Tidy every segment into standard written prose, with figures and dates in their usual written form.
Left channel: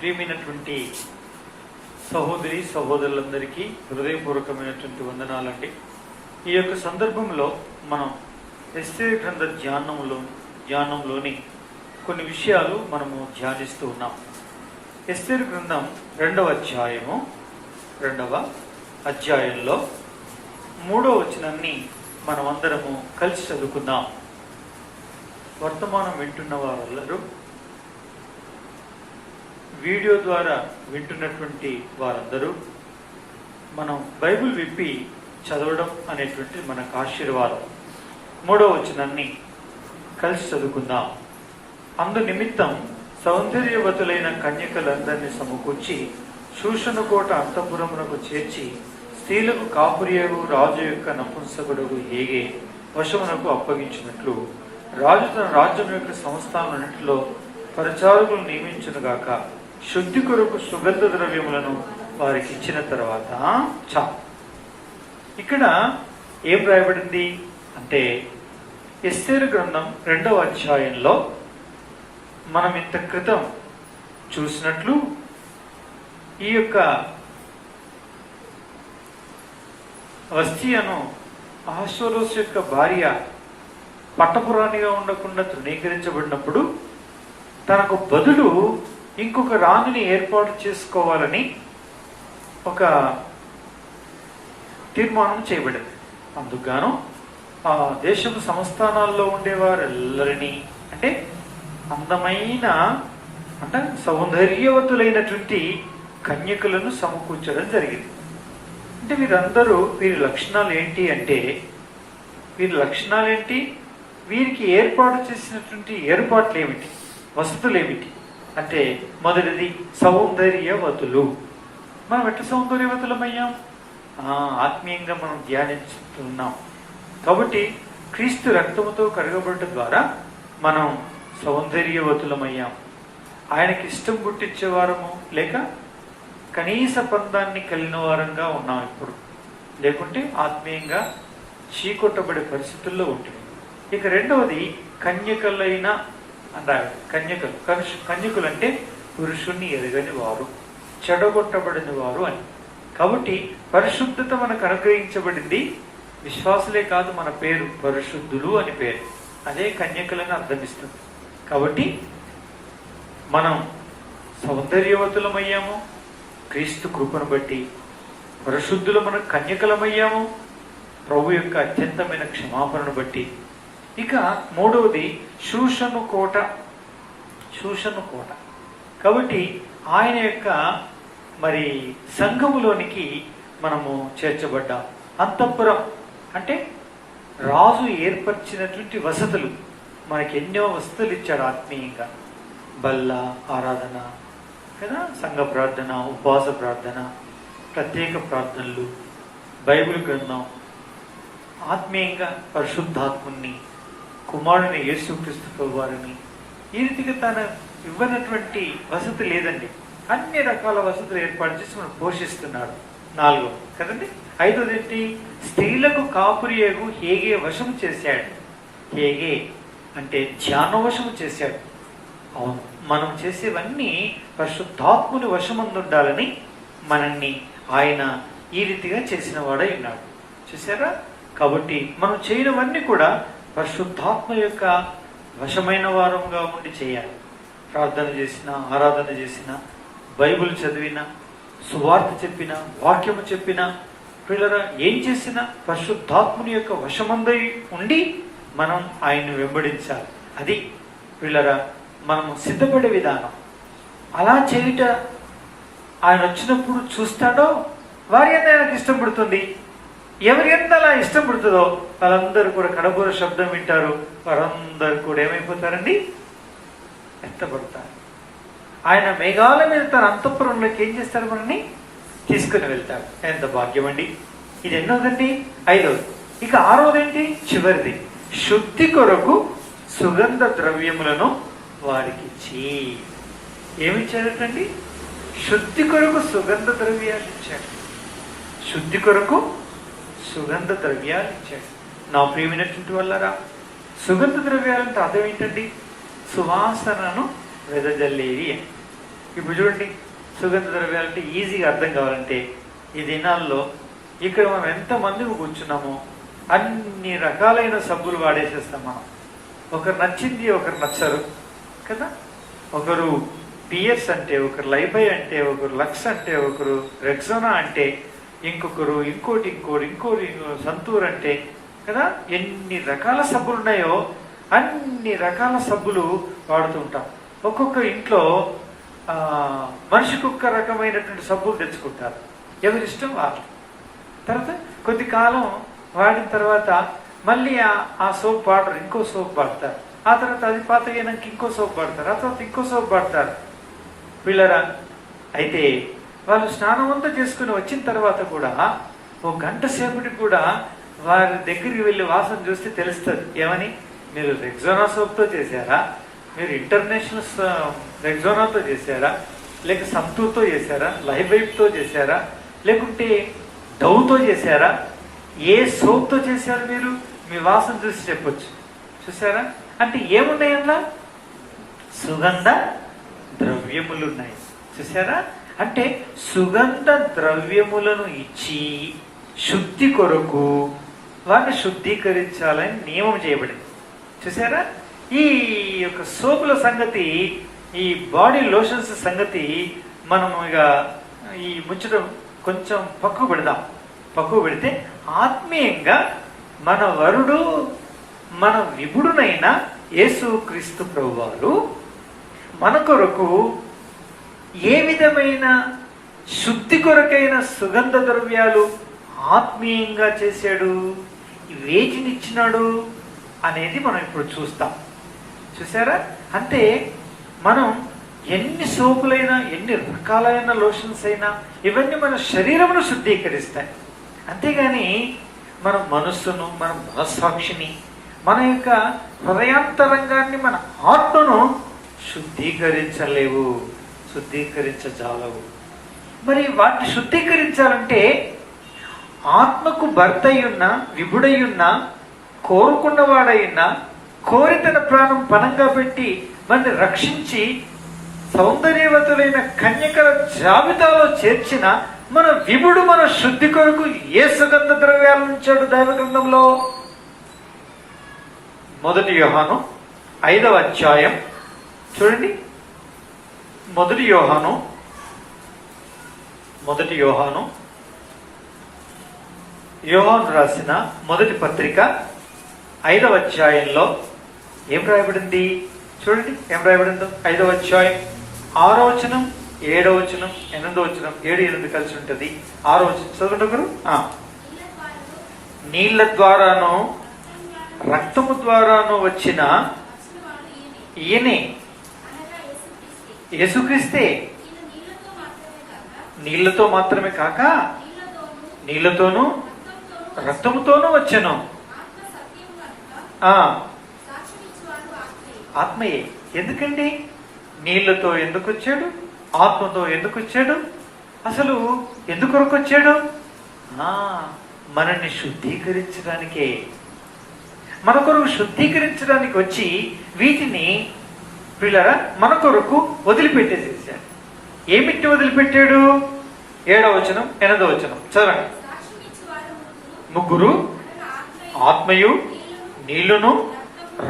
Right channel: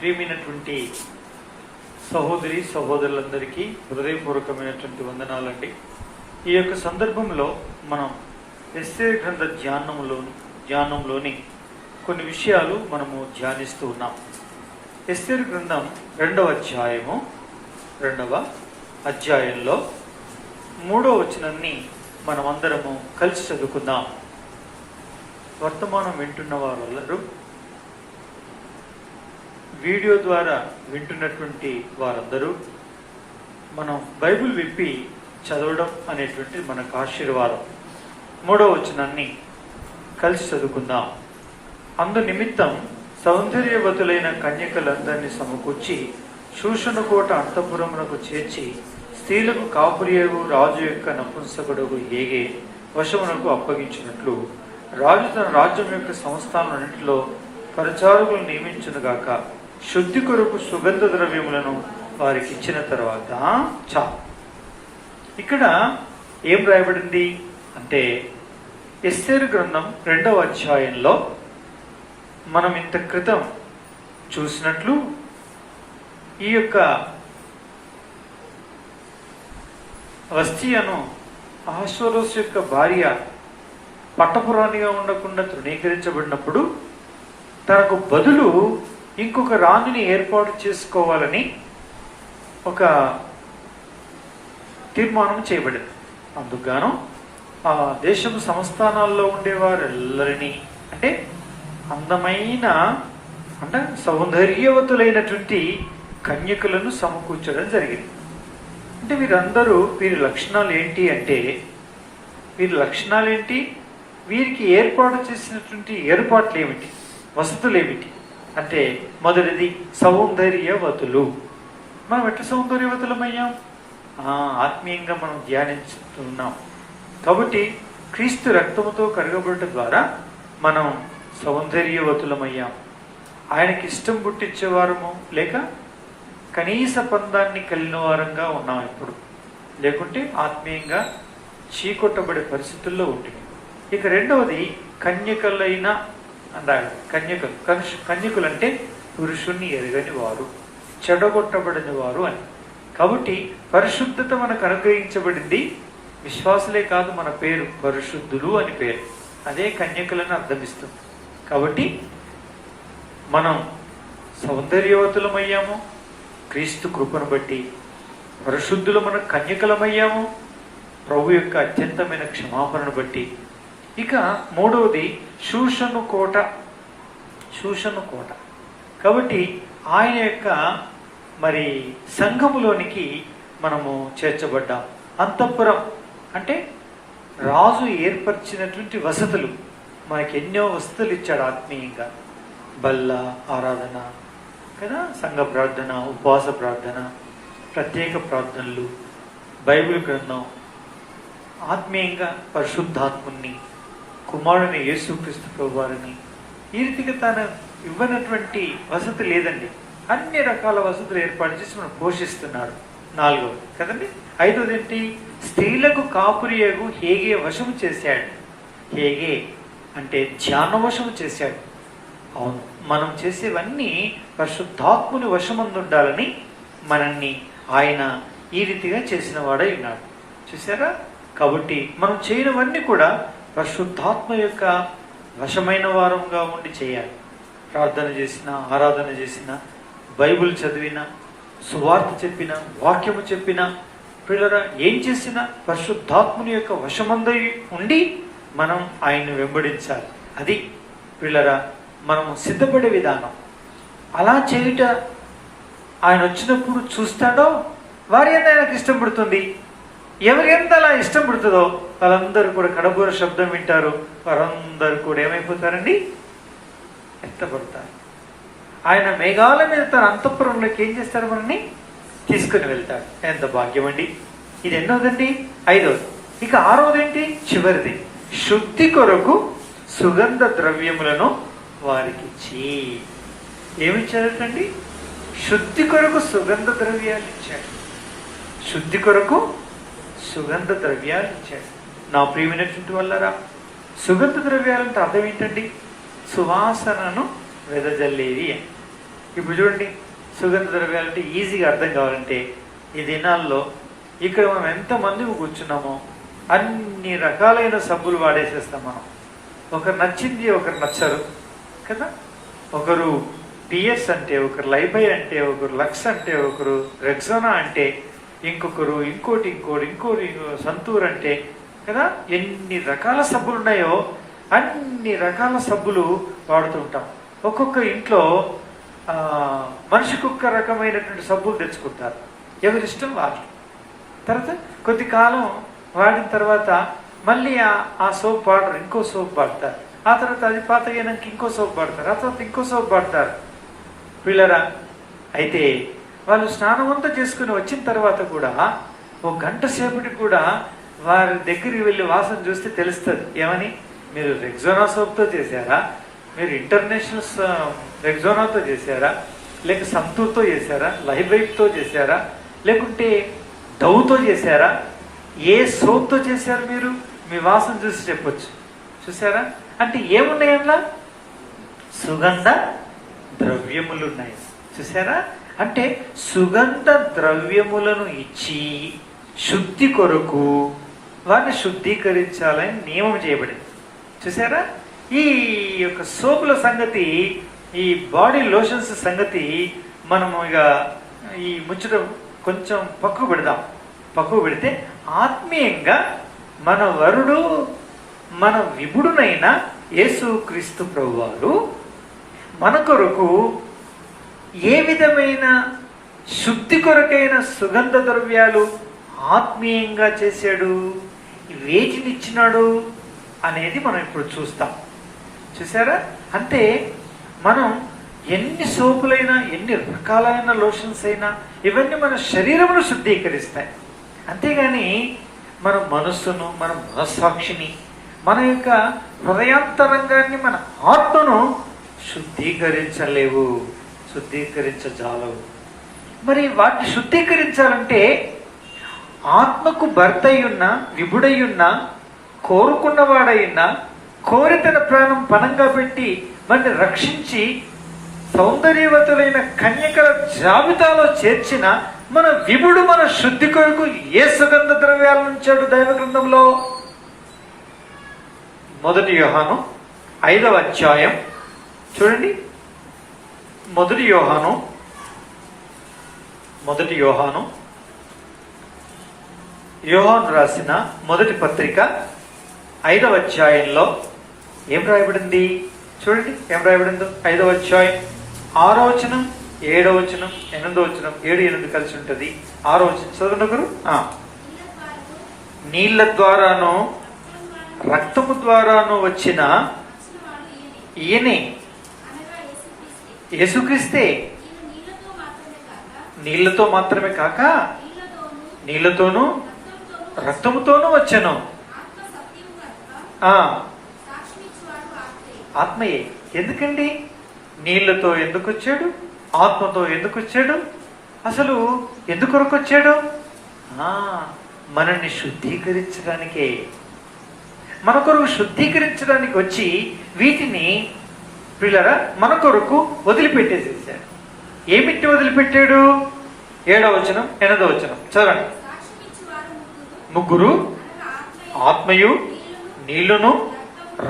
ప్రియమైనటువంటి సహోదరి సహోదరులందరికీ హృదయపూర్వకమైనటువంటి వందనాలండి. ఈ యొక్క సందర్భంలో మనం ఎస్తేరు గ్రంథ ధ్యానంలోని కొన్ని విషయాలు మనము ధ్యానిస్తూ ఉన్నాం. ఎస్తేరు గ్రంథం రెండవ అధ్యాయంలో 3వ వచనాన్ని మనమందరము కలిసి చదువుకుందాం. వర్తమానం వింటున్న వారందరూ, వీడియో ద్వారా వింటున్నటువంటి వారందరూ మనం బైబిల్ విప్పి చదవడం అనేటువంటి మనకు ఆశీర్వాదం. 3వ వచనాన్ని కలిసి చదువుకుందాం. అందు నిమిత్తం సౌందర్యవతులైన కన్యకలందరినీ సమకూర్చి శూషణకోట అంతఃపురమునకు చేర్చి స్త్రీలకు కాపురియగు రాజు యొక్క నపుంసకుడు హేగే వశమునకు అప్పగించినట్లు రాజు తన రాజ్యం యొక్క సంస్థానాన్నింటిలో పరిచారకులు నియమించునుగాక. శుద్ధి కొరకు సుగంధ ద్రవ్యములను వారికి ఇచ్చిన తర్వాత ఇక్కడ ఏం రాయబడింది అంటే, ఎస్తేరు గ్రంథం 2వ అధ్యాయంలో మనం ఇంత క్రితం చూసినట్లు ఈ యొక్క వస్తీయను అహష్వేరోషు యొక్క భార్య పట్టపురాణిగా ఉండకుండా తృణీకరించబడినప్పుడు తనకు బదులు ఇంకొక రాణిని ఏర్పాటు చేసుకోవాలని ఒక తీర్మానం చేయబడింది. అందుకుగాను ఆ దేశం సంస్థానాల్లో ఉండేవారెల్లరినీ, అంటే అందమైన అంటే సౌందర్యవతులైనటువంటి కన్యకులను సమకూర్చడం జరిగింది. అంటే వీరి లక్షణాలు ఏంటి అంటే, వీరికి ఏర్పాటు చేసినటువంటి ఏర్పాట్లు ఏమిటి, వసతులు ఏమిటి అంటే, మొదటిది సౌందర్యవతులు. మనం ఎట్లా సౌందర్యవతులమయ్యాం? ఆత్మీయంగా మనం ధ్యానిస్తున్నాం కాబట్టి క్రీస్తు రక్తముతో కడగబడటం ద్వారా మనం సౌందర్యవతులమయ్యాం. ఆయనకి ఇష్టం పుట్టించేవారము లేక కనీస పందాన్ని కలిగిన వారంగా ఉన్నాం ఇప్పుడు. లేకుంటే ఆత్మీయంగా చీకొట్టబడే పరిస్థితుల్లో ఉంటుంది. ఇక రెండవది కన్యకలైన అంటారు. కన్యకులు అంటే పురుషుణ్ణి ఎరగని వారు, చెడగొట్టబడిన వారు అని. కాబట్టి పరిశుద్ధత మనకు అనుగ్రహించబడింది. విశ్వాసులే కాదు, మన పేరు పరిశుద్ధులు అని పేరు. అదే కన్యకులను అర్థమిస్తుంది. కాబట్టి మనం సౌందర్యవతులమయ్యాము క్రీస్తు కృపను బట్టి, పరిశుద్ధులు మనం కన్యకలమయ్యాము ప్రభు యొక్క అత్యంతమైన క్షమాపణను బట్టి. ఇక మూడవది శూషణ కోట. కాబట్టి ఆయన యొక్క మరి సంఘములోనికి మనము చేర్చబడ్డాం. అంతఃపురం అంటే రాజు ఏర్పరిచినటువంటి వసతులు. మనకి ఎన్నో వసతులు ఇచ్చాడు ఆత్మీయంగా. బల్ల ఆరాధన కదా, సంఘ ప్రార్థన, ఉపవాస ప్రార్థన, ప్రత్యేక ప్రార్థనలు, బైబిల్ గ్రంథం, ఆత్మీయంగా పరిశుద్ధాత్ముని, కుమారుని యేసుక్రీస్తు ప్రభువారిని. ఈ రీతిగా తన ఇవ్వనటువంటి వసతి లేదండి. అన్ని రకాల వసతులు ఏర్పాటు చేసి మనం పోషిస్తున్నాడు. 4వ కదండి. 5వది ఏంటి? స్త్రీలకు కాపురియగు హేగే వశము చేశాడు. హేగే అంటే ధ్యానవశము చేశాడు. అవును, మనం చేసేవన్నీ పరిశుద్ధాత్ముని వశమందుండాలని మనల్ని ఆయన ఈ రీతిగా చేసిన వాడై ఉన్నాడు. చూసారా? కాబట్టి మనం చేయనివన్నీ కూడా పరిశుద్ధాత్మ యొక్క వశమైన వారంగా ఉండి చేయాలి. ప్రార్థన చేసిన, ఆరాధన చేసిన, బైబిల్ చదివిన, సువార్త చెప్పిన, వాక్యము చెప్పిన, పిల్లరా ఏం చేసినా పరిశుద్ధాత్ముని యొక్క వశమందై ఉండి మనం ఆయన్ని వెంబడించాలి. అది పిల్లరా మనము సిద్ధపడే విధానం. అలా చేయుట ఆయన వచ్చినప్పుడు చూస్తాడో వారి ఎంత ఆయనకు ఇష్టం పడుతుంది. ఎవరి ఎంత అలా ఇష్టం పడుతుందో వాళ్ళందరూ కూడా కడబూర శబ్దం వింటారు. వారందరూ కూడా ఏమైపోతారండి? ఎత్తపడతారు. ఆయన మేఘాల మీద తన అంతఃపురంలోకి ఏం చేస్తారు? మనల్ని తీసుకుని వెళ్తాడు. ఎంత భాగ్యం అండి! ఇది ఎన్నోదండి? 5వది. ఇక 6వది ఏంటి? చివరిది. శుద్ధి కొరకు సుగంధ ద్రవ్యములను వారికి ఇచ్చి. ఏమిచ్చాడండి? శుద్ధి కొరకు సుగంధ ద్రవ్యాలు ఇచ్చాడు. శుద్ధి కొరకు సుగంధ ద్రవ్యాలు ఇచ్చాడు. నా ప్రియమైనటువంటి వల్లరా, సుగంధ ద్రవ్యాలంటే అర్థం ఏంటండి? సువాసనను వెదజల్లేది అని. ఇప్పుడు చూడండి, సుగంధ ద్రవ్యాలు అంటే ఈజీగా అర్థం కావాలంటే ఈ దినాల్లో ఇక్కడ మనం ఎంతమంది కూర్చున్నామో అన్ని రకాలైన సబ్బులు వాడేసేస్తాం మనం. ఒకరు నచ్చింది ఒకరు నచ్చరు కదా. ఒకరు పిఎస్ అంటే, ఒకరు లైబై అంటే, ఒకరు లక్స్ అంటే, ఒకరు రెక్సోనా అంటే, ఇంకొకరు ఇంకోటి సంతూర్ అంటే కదా. ఎన్ని రకాల సబ్బులు ఉన్నాయో అన్ని రకాల సబ్బులు వాడుతూ ఉంటాం. ఒక్కొక్క ఇంట్లో మనిషికి ఒక్క రకమైనటువంటి సబ్బులు తెచ్చుకుంటారు, ఎవరిష్టం వాళ్ళు. తర్వాత కొద్ది కాలం వాడిన తర్వాత మళ్ళీ ఆ సోప్ వాడరు, ఇంకో సోప్ వాడతారు. ఆ తర్వాత అది పాతగైనాక ఇంకో సోప్ వాడతారు, ఆ తర్వాత ఇంకో సోప్ వాడతారు. పిల్లరా, అయితే వాళ్ళు స్నానం అంతా చేసుకుని వచ్చిన తర్వాత కూడా ఒక గంట సేపటికి కూడా వారి దగ్గరికి వెళ్ళి వాసన చూస్తే తెలుస్తుంది. ఏమని? మీరు రెక్సోనా సోప్తో చేశారా, మీరు ఇంటర్నేషనల్ రెక్సోనాతో చేశారా, లేక సంతూర్తో చేశారా, లైఫ్తో చేశారా, లేకుంటే డవ్తో చేశారా, ఏ సోప్తో చేశారు మీరు? మీ వాసన చూసి చెప్పొచ్చు. చూసారా? అంటే ఏమున్నాయి అట్లా? సుగంధ ద్రవ్యములు ఉన్నాయి. చూసారా? అంటే సుగంధ ద్రవ్యములను ఇచ్చి శుద్ధి కొరకు వారిని శుద్ధీకరించాలని నియమం చేయబడింది. చూసారా? ఈ యొక్క సోపుల సంగతి, ఈ బాడీ లోషన్స్ సంగతి మనం ఇక ఈ ముచ్చట కొంచెం పక్కకు పెడితే ఆత్మీయంగా మన వరుడు, మన విభుడునైన యేసుక్రీస్తు ప్రభువారు మన కొరకు ఏ విధమైన శుద్ధి కొరకైన సుగంధ ద్రవ్యాలు ఆత్మీయంగా చేశాడు, వేటినిచ్చినాడు అనేది మనం ఇప్పుడు చూస్తాం. చూసారా? అంటే మనం ఎన్ని సోపులైనా, ఎన్ని రకాలైన లోషన్స్ అయినా ఇవన్నీ మన శరీరమును శుద్ధీకరిస్తాయి. అంతేగాని మన మనస్సును, మన మనస్సాక్షిని, మన యొక్క హృదయాంతరంగాన్ని, మన ఆత్మను శుద్ధీకరించజాలవు. మరి వాటిని శుద్ధీకరించాలంటే ఆత్మకు భర్త అయ్యున్నా, విభుడయ్యున్నా, కోరుకున్నవాడయ్యున్నా, కోరి తన ప్రాణం పణంగా పెట్టి మనని రక్షించి సౌందర్యవతులైన కన్యకల జాబితాలో చేర్చిన మన విభుడు మన శుద్ధి కొరకు ఏ సుగంధ ద్రవ్యాలు ఉంచాడు దైవ గ్రంథంలో? 1 యోహాను 5వ అధ్యాయం చూడండి. 1 యోహాను యోహాను రాసిన మొదటి పత్రిక 5వ అధ్యాయంలో ఏం రాయబడింది చూడండి. ఏం రాయబడిందో? 5వ అధ్యాయం 6వ వచనం, 7వ వచనం, 8వ వచనం, 7, 8 కలిసి ఉంటుంది. 6వ వచనం చదవండి ఒకరు. నీళ్ల ద్వారాను రక్తము ద్వారాను వచ్చిన ఈయనే, యేసుక్రీస్తే. నీళ్లతో మాత్రమే కాక నీళ్లతోనూ రక్తముతోనూ వచ్చాను. ఆత్మయే. ఎందుకండి? నీళ్లతో ఎందుకు వచ్చాడు? ఆత్మతో ఎందుకు వచ్చాడు? అసలు ఎందుకొరకు వచ్చాడు? మనల్ని శుద్ధీకరించడానికే. మన కొరకు శుద్ధీకరించడానికి వచ్చి వీటిని పిల్లరా మన కొరకు వదిలిపెట్టేసేసాడు. ఏమిటి వదిలిపెట్టాడు? 7వ వచనం, 8వ వచనం చదవండి. ముగ్గురు, ఆత్మయు, నీళ్లును,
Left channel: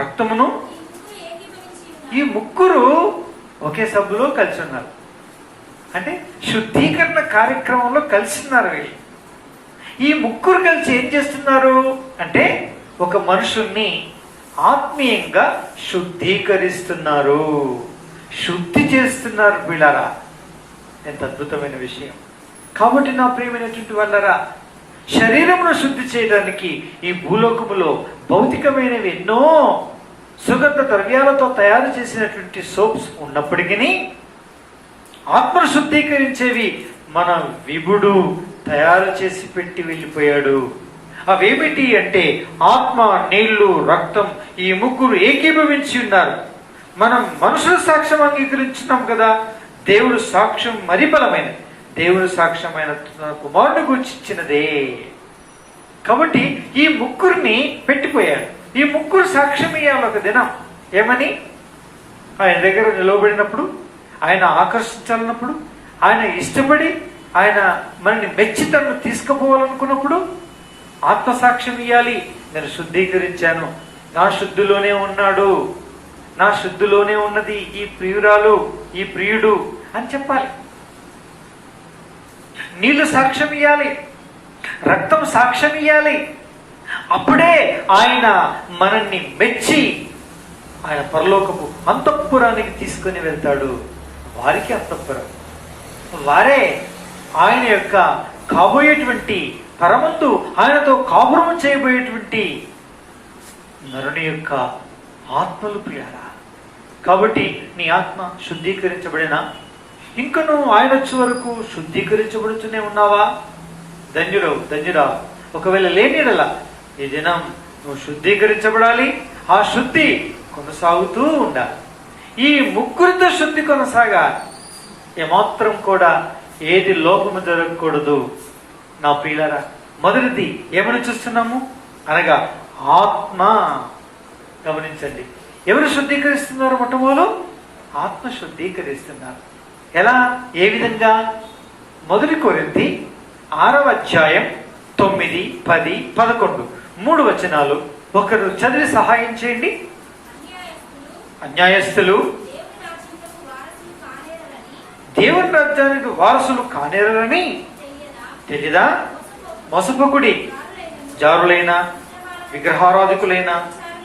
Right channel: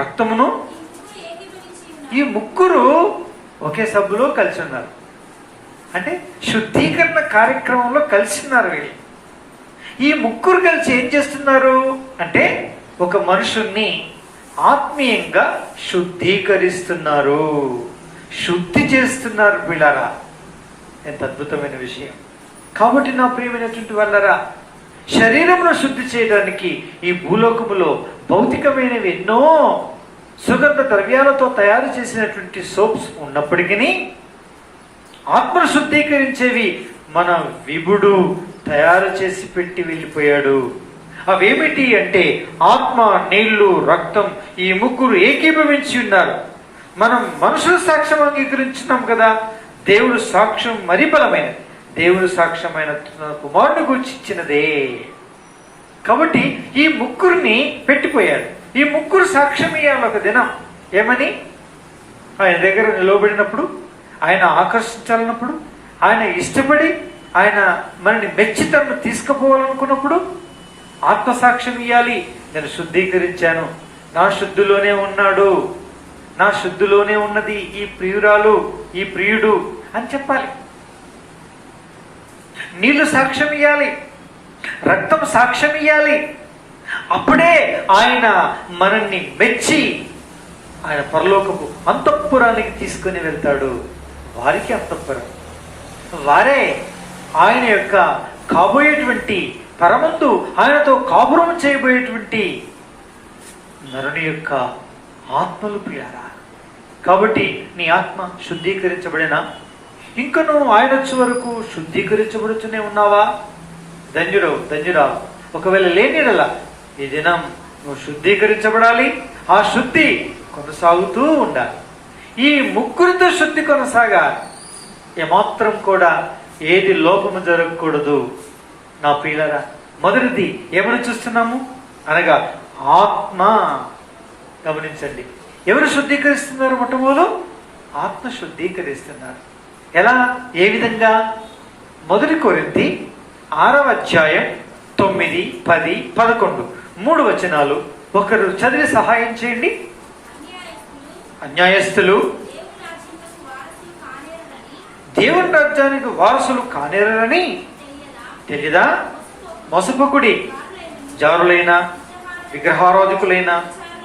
రక్తమును. ఈ ముగ్గురు ఒకే సబ్బులో కలిసి ఉన్నారు. అంటే శుద్ధీకరణ కార్యక్రమంలో కలిసి ఉన్నారు వీళ్ళు. ఈ ముగ్గురు కలిసి ఏం చేస్తున్నారు అంటే ఒక మనుషుల్ని ఆత్మీయంగా శుద్ధీకరిస్తున్నారు, శుద్ధి చేస్తున్నారు పిల్లరా. ఎంత అద్భుతమైన విషయం. కాబట్టి నా ప్రియమైనటువంటి వాళ్ళరా, శరీరమును శుద్ధి చేయడానికి ఈ భూలోకములో భౌతికమైనవి ఎన్నో సుగంధ ద్రవ్యాలతో తయారు చేసినటువంటి సోప్స్ ఉన్నప్పటికీ ఆత్మను శుద్ధీకరించేవి మన విభుడు తయారు చేసి పెట్టి వెళ్ళిపోయాడు. అవేమిటి అంటే ఆత్మ, నీళ్లు, రక్తం. ఈ ముగ్గురు ఏకీభవించి ఉన్నారు. మనం మనుషుల సాక్ష్యం అంగీకరించున్నాం కదా, దేవుడు సాక్ష్యం మరి బలమైనది. దేవుడు సాక్ష్యమైన కుమారుని గురించి ఇచ్చినదే. కాబట్టి ఈ ముగ్గురిని పెట్టిపోయాడు. ఈ ముగ్గురు సాక్ష్యం ఇవ్వాలి ఒక దినం. ఏమని? ఆయన దగ్గర నిలవబడినప్పుడు ఆయన ఆకర్షించాలన్నప్పుడు, ఆయన ఇష్టపడి ఆయన మనని మెచ్చి తను తీసుకుపోవాలనుకున్నప్పుడు ఆత్మసాక్ష్యం ఇవ్వాలి. నేను శుద్ధీకరించాను, నా శుద్ధిలోనే ఉన్నాడు, నా శుద్ధిలోనే ఉన్నది ఈ ప్రియురాలు, ఈ ప్రియుడు అని చెప్పాలి. నీళ్లు సాక్ష్యం ఇవ్వాలి, రక్తం సాక్ష్యం ఇవ్వాలి. అప్పుడే ఆయన మనల్ని మెచ్చి ఆయన పరలోకపు అంతఃపురానికి తీసుకుని వెళ్తాడు. వారికి అంతఃపురం, వారే ఆయన యొక్క కాబోయేటువంటి పరమందు ఆయనతో కాపురం చేయబోయేటువంటి నరుని యొక్క ఆత్మలు ప్రియారా. కాబట్టి నీ ఆత్మ శుద్ధీకరించబడినా ఇంకా నువ్వు ఆయన వచ్చే వరకు శుద్ధీకరించబడుతూనే ఉన్నావా? ధన్యుడు ధన్యురా. ఒకవేళ లేనిరలా ఈ దినం నువ్వు శుద్ధీకరించబడాలి. ఆ శుద్ధి కొనసాగుతూ ఉండాలి. ఈ ముగ్గురితో శుద్ధి కొనసాగాలి. ఏమాత్రం కూడా ఏది లోపము జరగకూడదు. నా ప్రియులారా, మొదటిది ఏమని చూస్తున్నాము అనగా ఆత్మ. గమనించండి, ఎవరు శుద్ధీకరిస్తున్నారు? మొట్టమొదలు ఆత్మ శుద్ధీకరిస్తున్నారు. ఎలా, ఏ విధంగా? 1 కొరింథీ 6వ అధ్యాయం 9, 10, 11 3 వచనాలు ఒకరు చదివి సహాయం చేయండి. అన్యాయస్తులు దేవుని రాజ్యానికి వారసులు కానేరని తెలియదా? మోసపోకుడి, జారులైన, విగ్రహారాధికులైన,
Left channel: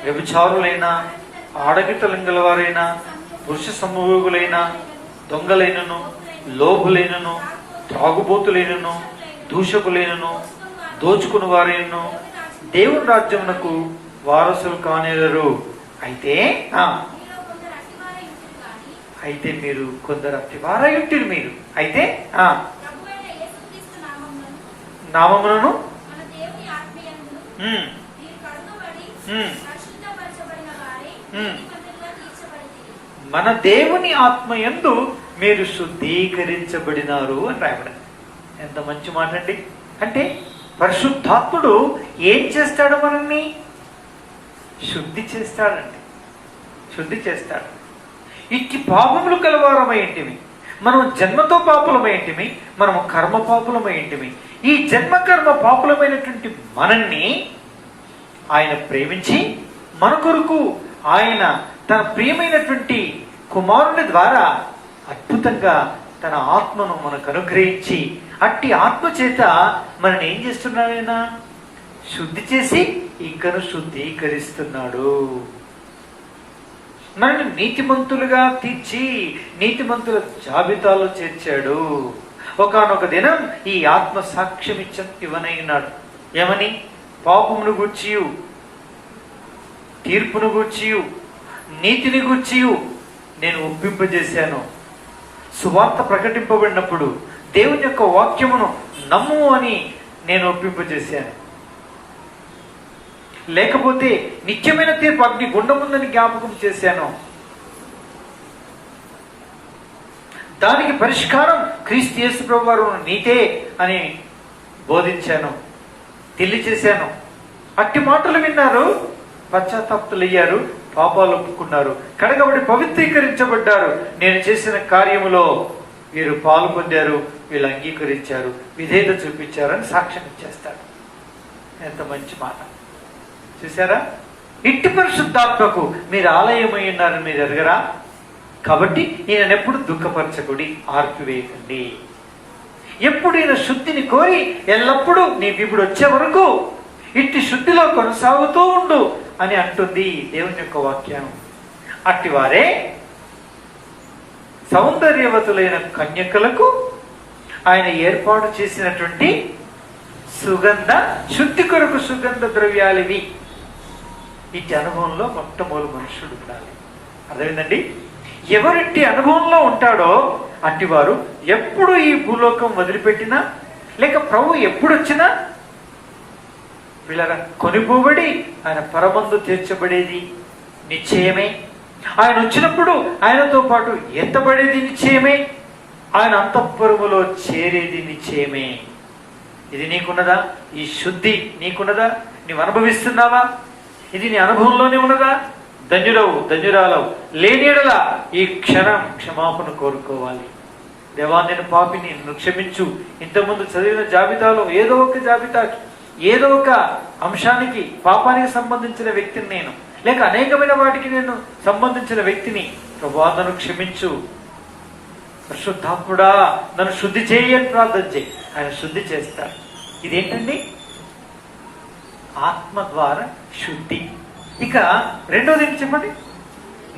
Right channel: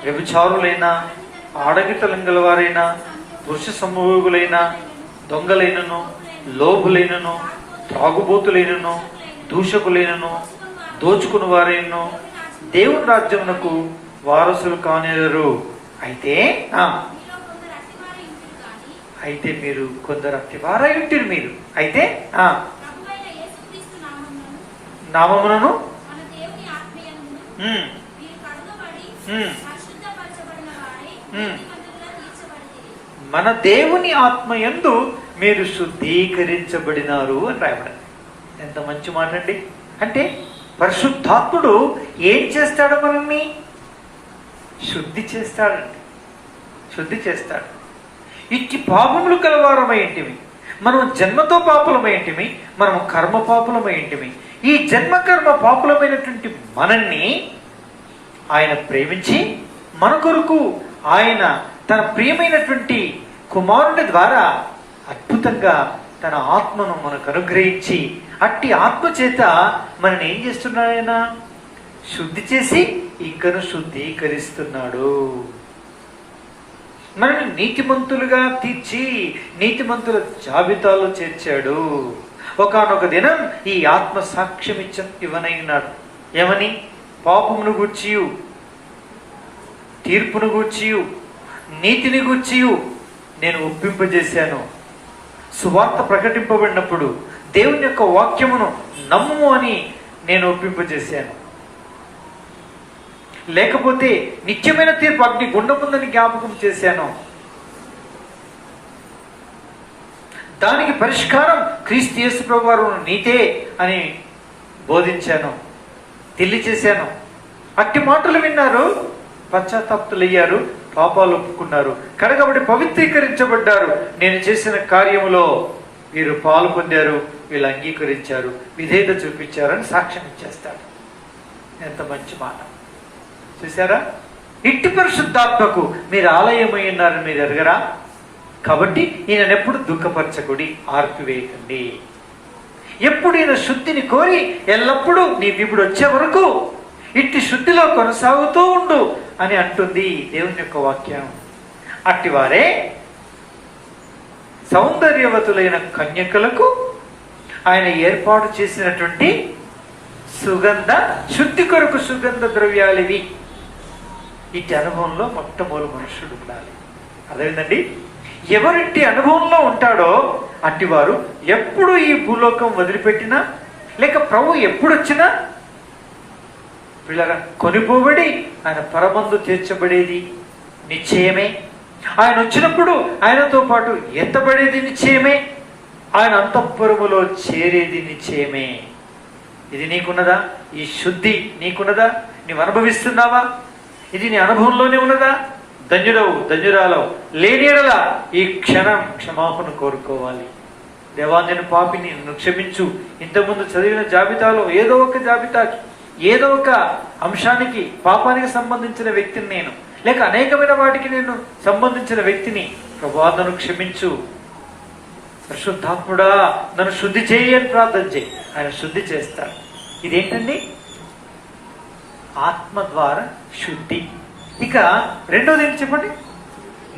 వ్యభిచారులైన, ఆడగితలంగల వారైన, పురుష సమూహులైన, దొంగలైనను, లోభులైనను, త్రాగుబోతులైనను, దూషకులైనను, దోచుకుని వారైనను దేవుని రాజ్యమునకు వారసులు కానేరరు. అయితే అయితే మీరు కొందరు అతివారయుంటిరు. మీరు అయితే నామములను మన దేవుని ఆత్మయందు మీరు శుద్ధీకరించబడినారు అని రాయబడింది. ఎంత మంచి మాట అండి. అంటే పరిశుద్ధాత్ముడు ఏం చేస్తాడు? మనల్ని శుద్ధి చేస్తాడండి. శుద్ధి చేస్తాడు. ఇట్టి పాపములు కలవారమేంటివి, మనం జన్మతో పాపులమేంటిమి, మనము కర్మ పాపులమేంటిమి. ఈ జన్మ కర్మ పాపులమైనటువంటి మనల్ని ఆయన ప్రేమించి మన కొరకు ఆయన తన ప్రియమైనటువంటి కుమారుని ద్వారా అద్భుతంగా తన ఆత్మను మనకు అనుగ్రహించి అట్టి ఆత్మ చేత మనని ఏం చేస్తున్నాడు? ఆయన శుద్ధి చేసి ఇంకను శుద్ధీకరిస్తున్నాడు. మనల్ని నీతిమంతులుగా తీర్చి నీతిమంతుల జాబితాలో చేర్చాడు. ఒకానొక దినం ఈ ఆత్మ సాక్ష్యం ఇవ్వనైనాడు. ఏమని? పాపమును గూర్చియు, తీర్పును గూర్చియు, నీతిని గూర్చియు నేను ఒప్పింపజేశాను. సువార్త ప్రకటింపబడినప్పుడు దేవుని యొక్క వాక్యమును నమ్ము అని నేను ఒప్పింపజేశాను. లేకపోతే నిత్యమైన తీర్పు అగ్ని గుండముందని జ్ఞాపకం చేశాను. దానికి పరిష్కారం క్రీస్తు యేసు ప్రభువు వారు నీతే అని బోధించాను, తెలియచేశాను. అట్టి మాటలు విన్నారు, పశ్చాత్తాప్తులయ్యారు, పాపాలు ఒప్పుకున్నారు, కడగబడి పవిత్రీకరించబడ్డారు. నేను చేసిన కార్యములో వీరు పాలు పొందారు, వీళ్ళు అంగీకరించారు, విధేయత చూపించారని సాక్ష్యం ఇచ్చేస్తాడు. ఎంత మంచి మాట చూసారా? ఇట్టి పరిశుద్ధాత్మకు మీరు ఆలయమై ఉన్నారని మీరు ఎరగరా? కాబట్టి ఈయన ఎప్పుడు దుఃఖపరచకుడి, ఆర్పివేయకండి. ఎప్పుడు ఈయన శుద్ధిని కోరి ఎల్లప్పుడూ నీ విపుడు వచ్చే వరకు ఇట్టి శుద్ధిలో కొనసాగుతూ ఉండు అని అంటుంది దేవుని యొక్క వాక్యం. అట్టివారే సౌందర్యవతులైన కన్యకలకు ఆయన ఏర్పాటు చేసినటువంటి సుగంధ శుద్ధి కొరకు సుగంధ ద్రవ్యాలివి. ఇట్టి అనుభవంలో మొట్టమొదటి మనుషుడు ఉండాలి. అదేంటండి, ఎవరింటి అనుభవంలో ఉంటాడో అట్టివారు ఎప్పుడు ఈ భూలోకం వదిలిపెట్టినా లేక ప్రభు ఎప్పుడు వచ్చినా వీళ్ళగా కొనిపోబడి ఆయన పరమందు తీర్చబడేది నిశ్చయమే. ఆయన వచ్చినప్పుడు ఆయనతో పాటు ఎత్తబడేది నిశ్చయమే. ఆయన అంతఃపురములో చేరేది నిశ్చయమే. ఇది నీకున్నదా? ఈ శుద్ధి నీకున్నదా? నీవు అనుభవిస్తున్నావా? ఇది నీ అనుభవంలోనే ఉన్నదా? ధన్యుడవు ధన్యురాలవు, లేని యెడల ఈ క్షణం క్షమాపణ కోరుకోవాలి. దేవా, నేను పాపిని, నన్ను క్షమించు. ఇంతకుముందు చదివిన జాబితాలో ఏదో ఒక జాబితాకి, ఏదో ఒక అంశానికి, పాపానికి సంబంధించిన వ్యక్తిని నేను, లేక అనేకమైన వాటికి నేను సంబంధించిన వ్యక్తిని. ప్రభువా, నన్ను క్షమించు. పరిశుద్ధాత్ముడా, నన్ను శుద్ధి చేయని ప్రార్థన చేయి. ఆయన శుద్ధి చేస్తాడు. ఇదేంటండి? ఆత్మ ద్వారా శుద్ధి. ఇక రెండోది ఏంటి చెప్పండి?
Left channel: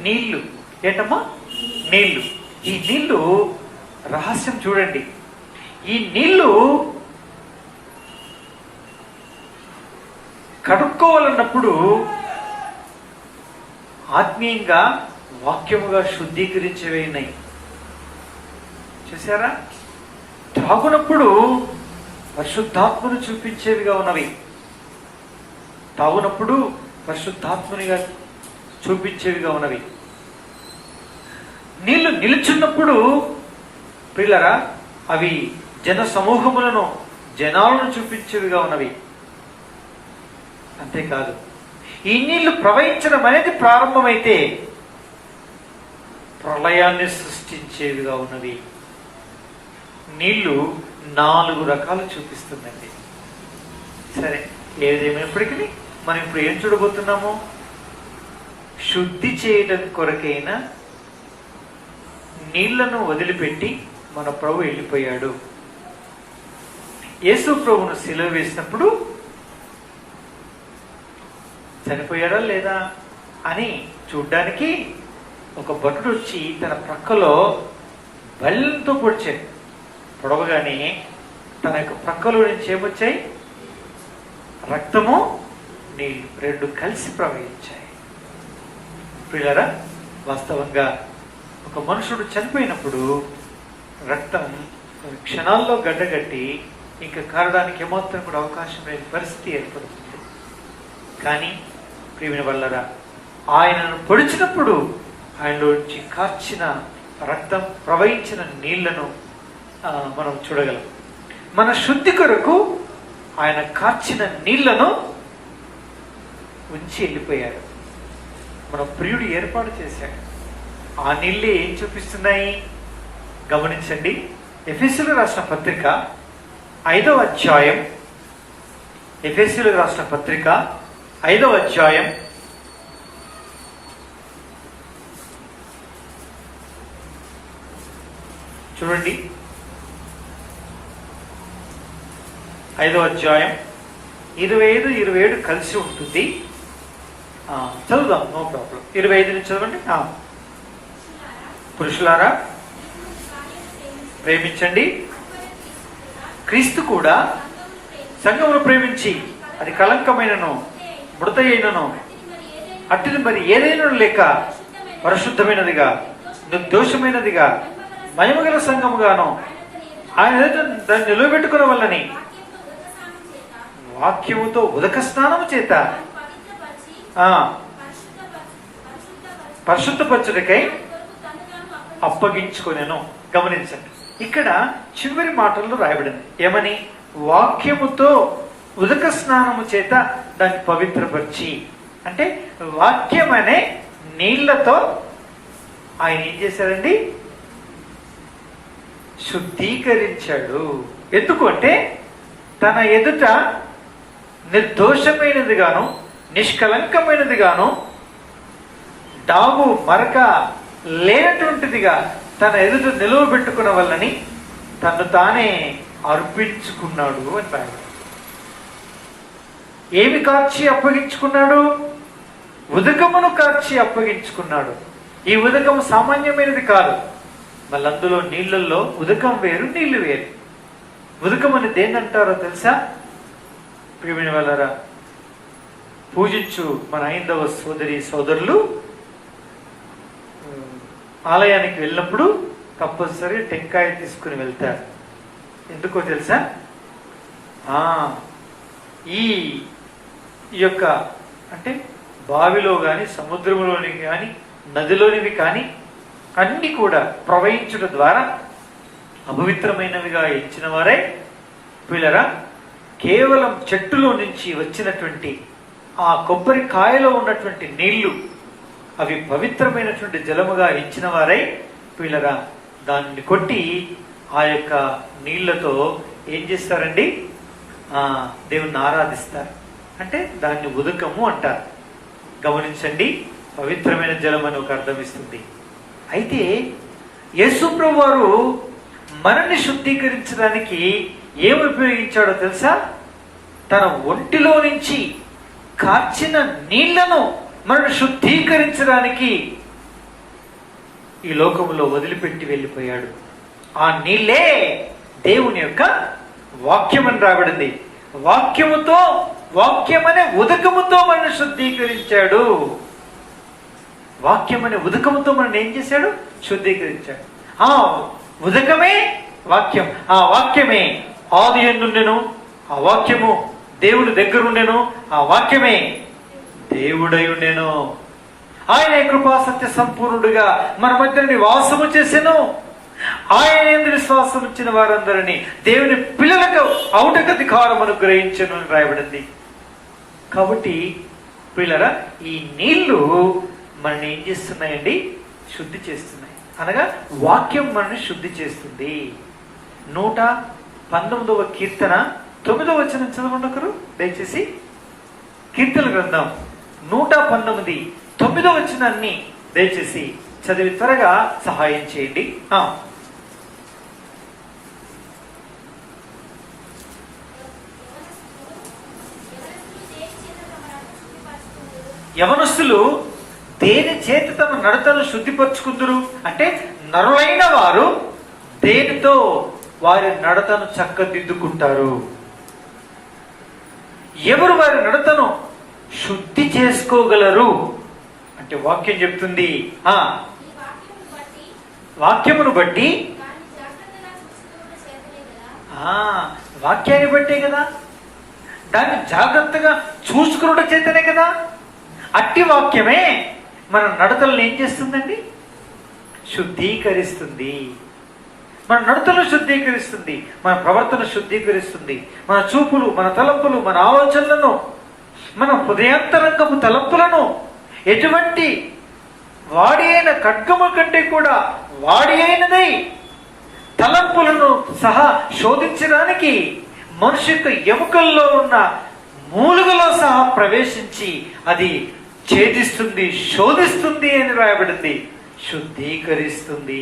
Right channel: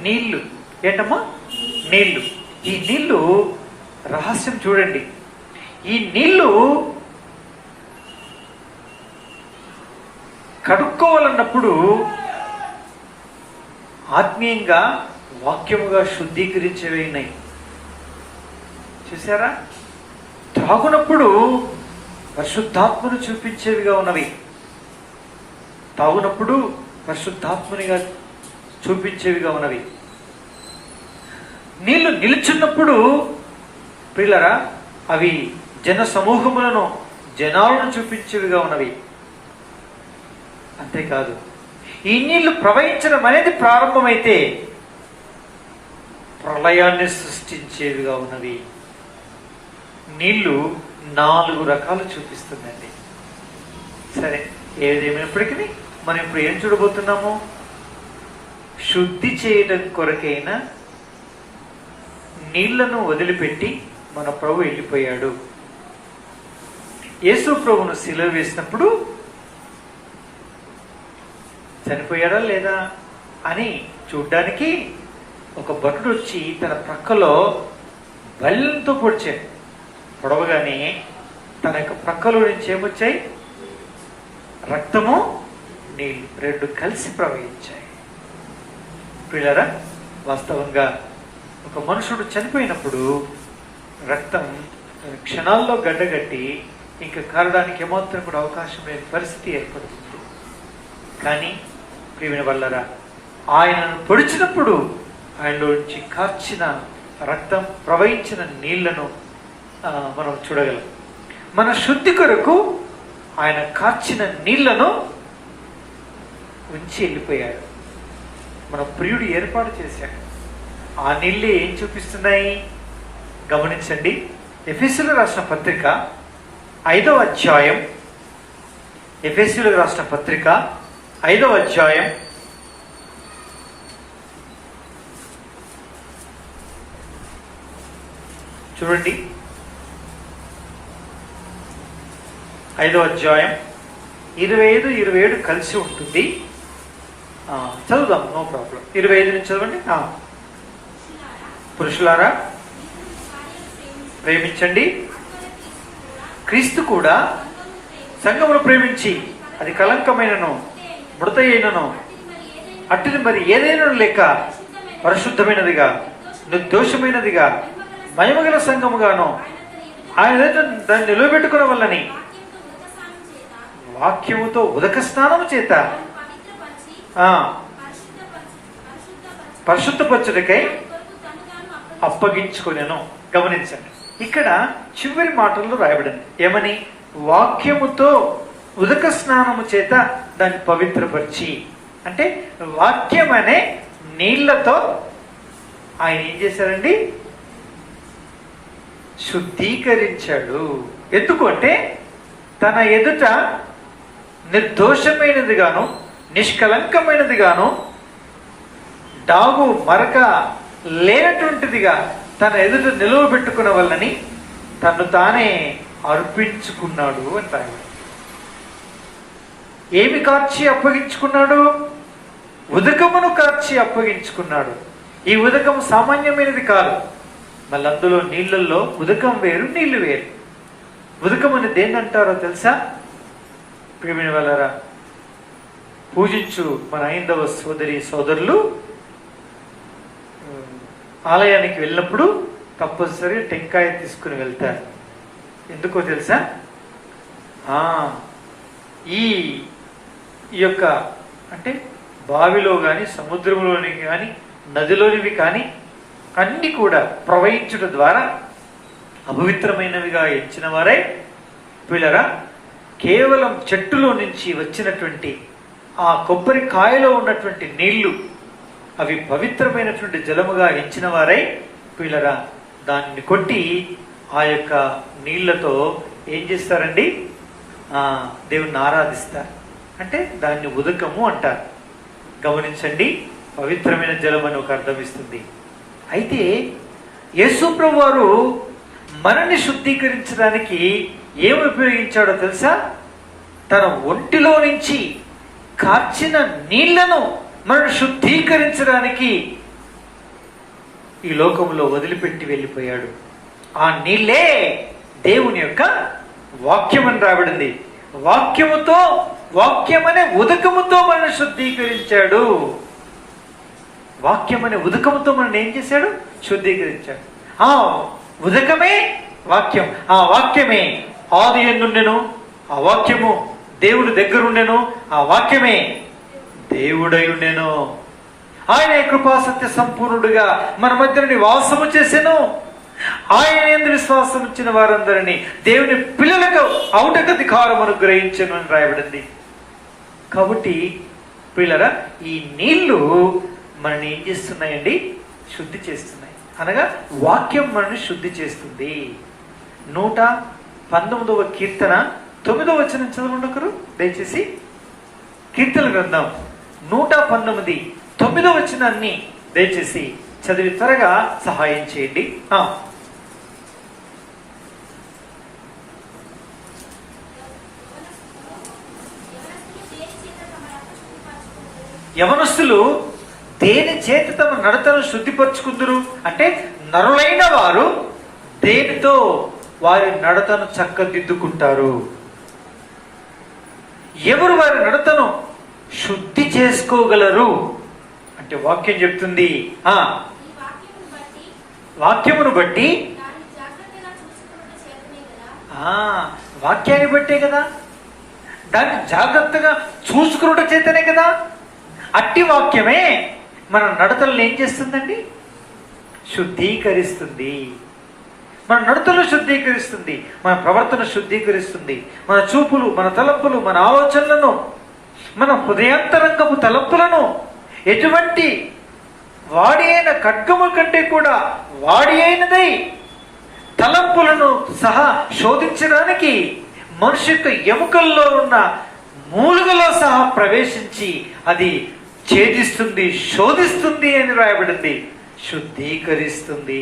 నీళ్లు. ఏంటమ్మా? నీళ్లు. ఈ నీళ్లు రహస్యం చూడండి. ఈ నీళ్లు కడుక్కోవాలన్నప్పుడు ఆత్మీయంగా, వాక్యముగా శుద్ధీకరించేవినాయి. చూసారా? తాగునప్పుడు పరిశుద్ధాత్మను చూపించేవిగా ఉన్నవి. తాగునప్పుడు పరిశుద్ధాత్మనిగా చూపించేవిగా ఉన్నవి. నీళ్లు నిలుచున్నప్పుడు పిల్లరా అవి జన సమూహములను, జనాలను చూపించేవిగా ఉన్నవి. అంతేకాదు, ఈ నీళ్లు ప్రవహించడం అనేది ప్రారంభమైతే ప్రళయాన్ని సృష్టించేవిగా ఉన్నవి. నీళ్లు 4 రకాలు చూపిస్తుందండి. సరే, ఏదేమైనప్పటికీ మనం ఇప్పుడు ఏం చూడబోతున్నాము? శుద్ధి చేయడం కొరకైన నీళ్లను వదిలిపెట్టి మన ప్రభు వెళ్ళిపోయాడు. యేసు ప్రభును శిలువ వేసినప్పుడు చనిపోయాడా లేదా అని చూడ్డానికి ఒక భటుడు వచ్చి తన ప్రక్కలో బల్లెంతో పొడిచాడు. పొడవగానే తన యొక్క ప్రక్కలో నుంచి ఏమొచ్చాయి? రక్తము, నీళ్లు 2 కలిసి ప్రవహించాయి. పిల్లరా, వాస్తవంగా ఒక మనుషుడు చనిపోయినప్పుడు రక్తం క్షణాల్లో గడ్డగట్టి ఇంకా కారడానికి ఏమాత్రం కూడా అవకాశం లేని పరిస్థితి ఏర్పడుతుంది. కానీ ప్రియమైన వల్లరా, ఆయనను పొడిచినప్పుడు ఆయనలో నుంచి కార్చిన రక్తం, ప్రవహించిన నీళ్లను మనం చూడగలం. మన శుద్ధి కొరకు ఆయన కార్చిన నీళ్లను ఉంచి వెళ్ళిపోయాడు. మన ప్రియుడు ఏర్పాటు చేశాడు. ఆ నీళ్ళే ఏం చూపిస్తున్నాయి? గమనించండి. ఎఫెసీయులకు రాసిన పత్రిక 5వ అధ్యాయం, ఎఫెసీయులకు రాసిన పత్రిక 5వ అధ్యాయం 5వ అధ్యాయం 25, 27 కలిసి ఉంటుంది. చదువుదాం, నో ప్రాబ్లం. 25 నుంచి చదవండి. పురుషులారా, ప్రేమించండి. క్రీస్తు కూడా సంఘమును ప్రేమించి అది కలంకమైనను మృతయైనను అట్టిని మరి ఏదైనా లేక పరిశుద్ధమైనదిగా, నిర్దోషమైనదిగా, మహిమగల సంఘముగాను ఆయన దాన్ని నిలబెట్టుకున్న వల్లని వాక్యముతో ఉదక స్నానము చేత పరిశుద్ధపరచుటకై అప్పగించుకొనెను. గమనించండి, ఇక్కడ చివరి మాటల్లో రాయబడింది ఏమని? వాక్యముతో ఉదక స్నానము చేత దాన్ని పవిత్రపరిచి. అంటే వాక్యం అనే నీళ్లతో ఆయన ఏం చేశాడండి? శుద్ధీకరించాడు. ఎందుకు అంటే తన ఎదుట నిర్దోషమైనదిగాను, నిష్కలంకమైనదిగాను, డాగు మరక లేనటువంటిదిగా తన ఎదుట నిలువబెట్టుకున్న వల్లని తను తానే అర్పించుకున్నాడు అంటారు. ఏమి కార్చి అప్పగించుకున్నాడు? ఉదకమును కార్చి అప్పగించుకున్నాడు. ఈ ఉదకము సామాన్యమైనది కాదు. మళ్ళీ అందులో నీళ్లలో ఉదకం వేరు, నీళ్లు వేరు. ఉదకమని దేన్ని అంటారో తెలుసా? ప్రియమైన వాళ్ళరా, పూజించు మన హైందవ సోదరి సోదరులు ఆలయానికి వెళ్ళినప్పుడు కంపల్సరీ టెంకాయ తీసుకుని వెళ్తారు. ఎందుకో తెలుసా? ఈ యొక్క అంటే బావిలో కానీ, సముద్రంలోని కానీ, నదిలోనివి కానీ అన్ని కూడా ప్రవహించుట ద్వారా అపవిత్రమైనవిగా ఎంచిన వారే పిల్లరా, కేవలం చెట్టులో నుంచి వచ్చినటువంటి ఆ కొబ్బరి కాయలో ఉన్నటువంటి నీళ్లు అవి పవిత్రమైనటువంటి జలముగా ఎంచిన వారై పిల్లరా దాన్ని కొట్టి ఆ యొక్క నీళ్లతో ఏం చేస్తారండి? దేవుణ్ణి ఆరాధిస్తారు. అంటే దాన్ని ఉదకము అంటారు. గమనించండి, పవిత్రమైన జలం అని ఒక అర్థం ఇస్తుంది. అయితే యేసు ప్రభు వారు మనల్ని శుద్ధీకరించడానికి ఏమి ఉపయోగించాడో తెలుసా? తన ఒంటిలో నుంచి కార్చిన నీళ్లను మనల్ని శుద్ధీకరించడానికి ఈ లోకంలో వదిలిపెట్టి వెళ్ళిపోయాడు. ఆ నీళ్లే దేవుని యొక్క వాక్యం అని రాబడింది. వాక్యముతో, వాక్యమనే ఉదకముతో మనల్ని శుద్ధీకరించాడు. వాక్యమనే ఉదకముతో మనల్ని ఏం చేశాడు? శుద్ధీకరించాడు. ఆ ఉదకమే వాక్యం. ఆ వాక్యమే ఆది యందుండెను, ఆ వాక్యము దేవుడు దగ్గరుండెను, ఆ వాక్యమే దేవుడై ఉండెను. ఆయన కృపా సత్య సంపూర్ణుడుగా మన మధ్య నివాసము చేసెను. ఆయన యందు విశ్వాసం ఇచ్చిన వారందరినీ దేవుని పిల్లలకు ఔటక అధికారం అనుగ్రహించను అని రాయబడింది. కాబట్టి పిల్లరా, ఈ నీళ్లు మనల్ని ఏం చేస్తున్నాయండి? శుద్ధి చేస్తున్నాయి. అనగా వాక్యం మనల్ని శుద్ధి చేస్తుంది. 119వ కీర్తన 9వ వచనం చదవండి ఒకరు దయచేసి. కీర్తన గ్రంథం 119 9వ వచనాన్ని దయచేసి చదివి త్వరగా సహాయం చేయండి. యవనస్తులు దేని చేత తమ నడతను శుద్ధిపరచుకుందరు అంటే నరులైన వారు దేనితో వారి నడతను చక్కదిద్దుకుంటారు? ఎవరు వారి నడతను శుద్ధి చేసుకోగలరు అంటే వాక్యం చెప్తుంది. వాక్యమును బట్టి, వాక్యాన్ని బట్టే కదా, దాన్ని జాగ్రత్తగా చూసుకున్నట చేతనే కదా. అట్టి వాక్యమే మన నడతలను ఏం చేస్తుందండి? శుద్ధీకరిస్తుంది. మన నడతలు శుద్ధీకరిస్తుంది, మన ప్రవర్తన శుద్ధీకరిస్తుంది. మన చూపులు, మన తలంపులు, మన ఆలోచనలను, మన హృదయాంతరంగపు తలంపులను ఎటువంటి వాడి అయిన ఖడ్గము కంటే కూడా వాడి అయినదై తలంపులను సహా శోధించడానికి మనిషి యొక్క ఎముకల్లో ఉన్న మూలుగలో సహా ప్రవేశించి అది ఛేదిస్తుంది, శోధిస్తుంది అని రాయబడింది. శుద్ధీకరిస్తుంది.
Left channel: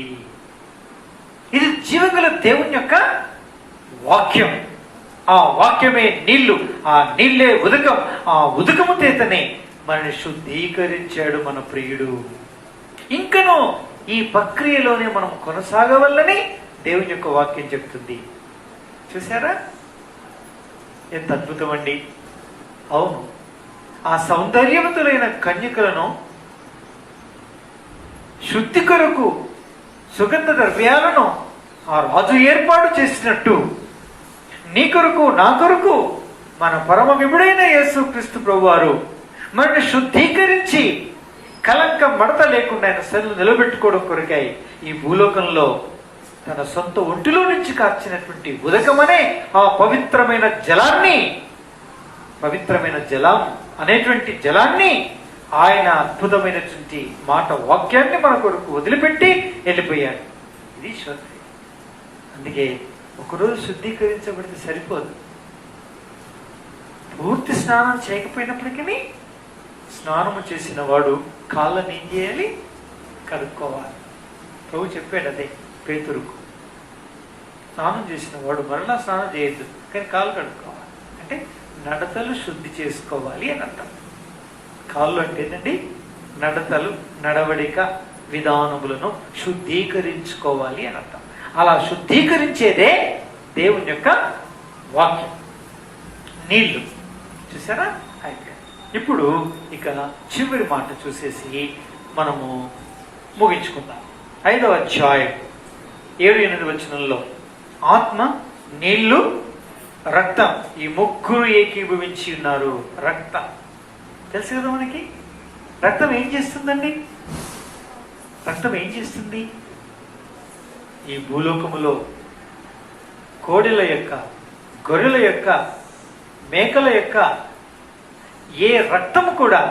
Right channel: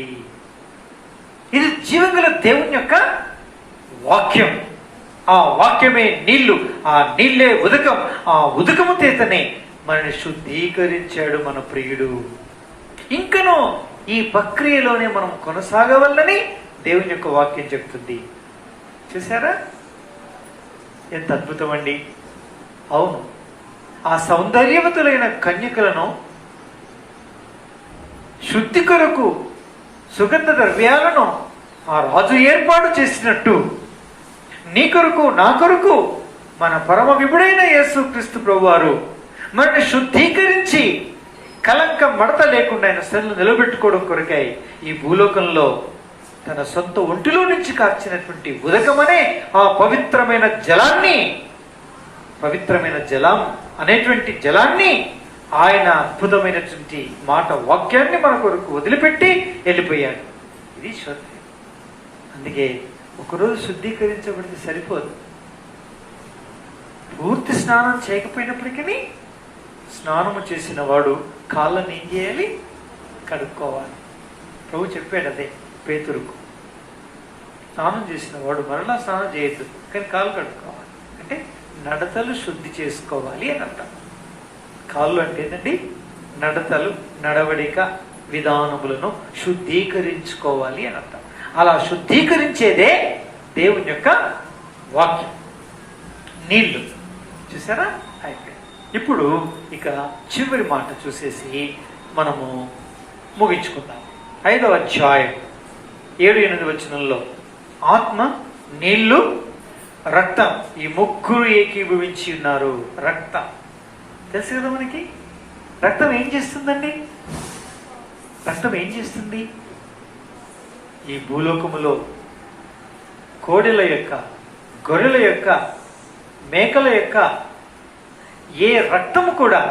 ఇది జీవగల దేవుని యొక్క వాక్యం. ఆ వాక్యమే నీళ్లు, ఆ నీళ్లే ఉదకం. ఆ ఉదకము చేతనే మనల్ని శుద్ధీకరించాడు మన ప్రియుడు. ఇంకనూ ఈ ప్రక్రియలోనే మనం కొనసాగవల్లని దేవుని యొక్క వాక్యం చెప్తుంది. చూసారా ఎంత అద్భుతం అండి. అవును, ఆ సౌందర్యవతులైన కన్యకలను శుద్ధి కొరకు సుగంధ ద్రవ్యాలను ఆ రాజు ఏర్పాటు చేసినట్టు నీ కొరకు, నా కొరకు మన పరమ విభుడైన యేసుక్రీస్తు ప్రభువారు మనల్ని శుద్ధీకరించి కలంకం మడత లేకుండా ఆయన స్థితిని నిలబెట్టుకోవడం కొరకై ఈ భూలోకంలో తన సొంత ఒంటిలో నుంచి కార్చినటువంటి ఉదకమనే ఆ పవిత్రమైన జలాన్ని, పవిత్రమైన జలం అనేటువంటి జలాన్ని ఆయన అద్భుతమైనటువంటి మాట వాక్యాన్ని మన కొరకు వదిలిపెట్టి వెళ్ళిపోయాడు. ఇది శుద్ధి. అందుకే ఒకరోజు శుద్ధీకరించబడితే సరిపోదు. పూర్తి స్నానం చేయకపోయినప్పటికీ స్నానము చేసిన వాడు కాళ్ళని ఏం చేయాలి? కడుక్కోవాలి. ప్రభు చెప్పాడు అదే పేతురుకు. స్నానం చేసిన వాడు మరలా స్నానం చేయొద్దు, కానీ కాళ్ళు కడుక్కోవాలి. అంటే నడతలు శుద్ధి చేసుకోవాలి అని అంటాం. కాళ్ళు అంటే ఏంటండి? నడతలు, నడవడిక విధానములను శుద్ధీకరించుకోవాలి అని అంటాం. అలా శుద్ధీకరించేదే దేవుని యొక్క వాక్యం, నీళ్లు. చూసారా? అయిపోయింది. ఇప్పుడు ఇక చివరి మాట చూసేసి మనము ముగించుకుందాం. 5వ అధ్యాయం 7-8 వచనంలో ఆత్మ, నీళ్లు, రక్తం, ఈ ముగ్గురు ఏకీభవించి ఉన్నారు. రక్తం తెలుసు కదా మనకి. రక్తం ఏం చేస్తుందండి? రక్తం ఏం చేస్తుంది? ఈ భూలోకములో కోడెల యొక్క, గొర్రెల యొక్క, మేకల యొక్క ఏ రక్తము కూడా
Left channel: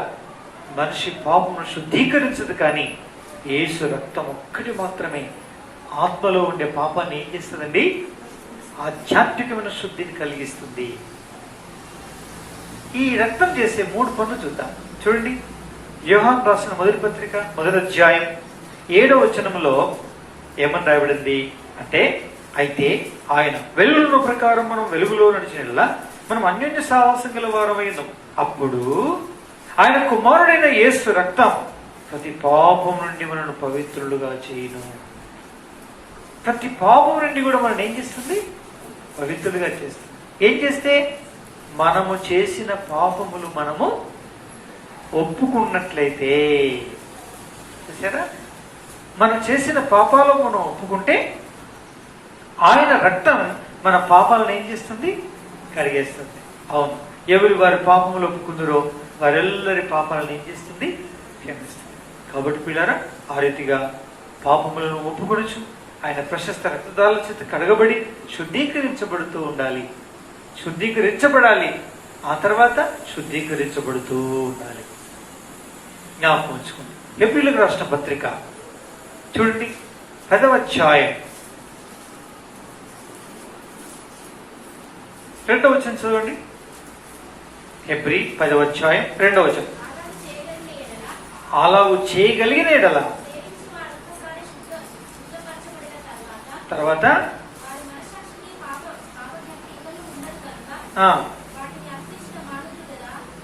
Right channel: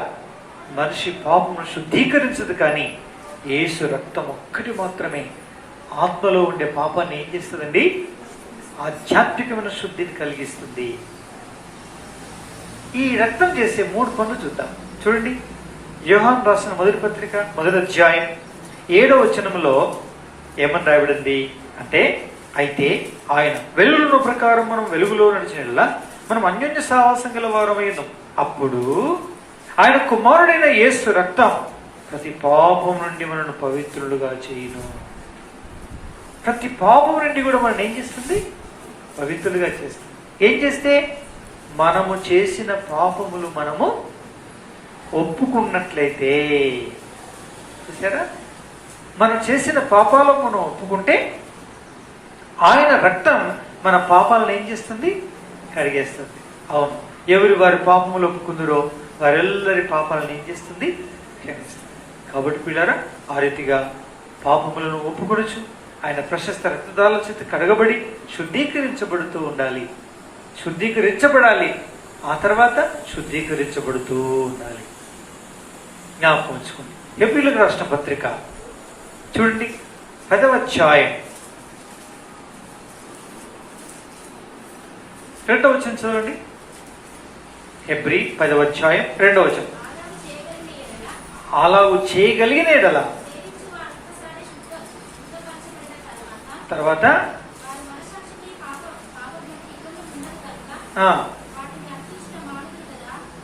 మనిషి పాపమును శుద్ధీకరించదు, కానీ యేసు రక్తం ఒక్కటి మాత్రమే ఆత్మలో ఉండే పాపాన్ని ఏం చేస్తుందండి? ఆధ్యాత్మికమైన శుద్ధిని కలిగిస్తుంది. ఈ రక్తం చేసే 3 పనులు చూద్దాం. చూడండి, యోహాను రాసిన మొదటి పత్రిక 1వ అధ్యాయం 7వ వచనంలో ఏమని రాయబడింది అంటే, అయితే ఆయన వెలుగుల ప్రకారం మనం వెలుగులో నడిచిన మనం అన్యోన్య సావాసం గల వారమైనాం. అప్పుడు ఆయన కుమారుడైన యేసు రక్తం ప్రతి పాపం నుండి మనను పవిత్రులుగా చేయును. ప్రతి పాపం నుండి కూడా మనం ఏం చేస్తుంది? పవిత్రులుగా చేస్తుంది. ఏం చేస్తే? మనము చేసిన పాపములు మనము ఒప్పుకున్నట్లయితే. చూసారా, మనం చేసిన పాపాలను మనం ఒప్పుకుంటే ఆయన రక్తం మన పాపాలను ఏం చేస్తుంది? కడిగేస్తుంది. అవును, ఎవరు వారి పాపములు ఒప్పుకుందరో వారెల్లరి పాపాలను ఏం చేస్తుంది? క్షమిస్తుంది. కాబట్టి పిల్లారా, ఆ రీతిగా పాపములను ఒప్పుకొనొచ్చు. ఆయన ప్రశస్త రక్తదాల చేత కడగబడి శుద్ధీకరించబడుతూ ఉండాలి. శుద్ధీకరించబడాలి, ఆ తర్వాత శుద్ధీకరించబడుతూ ఉండాలి. జ్ఞాపకం ఉంచుకోండి. హెబ్రీయులకు రాసిన పత్రిక చూడండి, 10వ అధ్యాయం 2వ వచనం చదవండి. హెబ్రీ 10వ అధ్యాయం 2వ వచనం. అలావు చేయగలిగిన ఎడల తర్వాత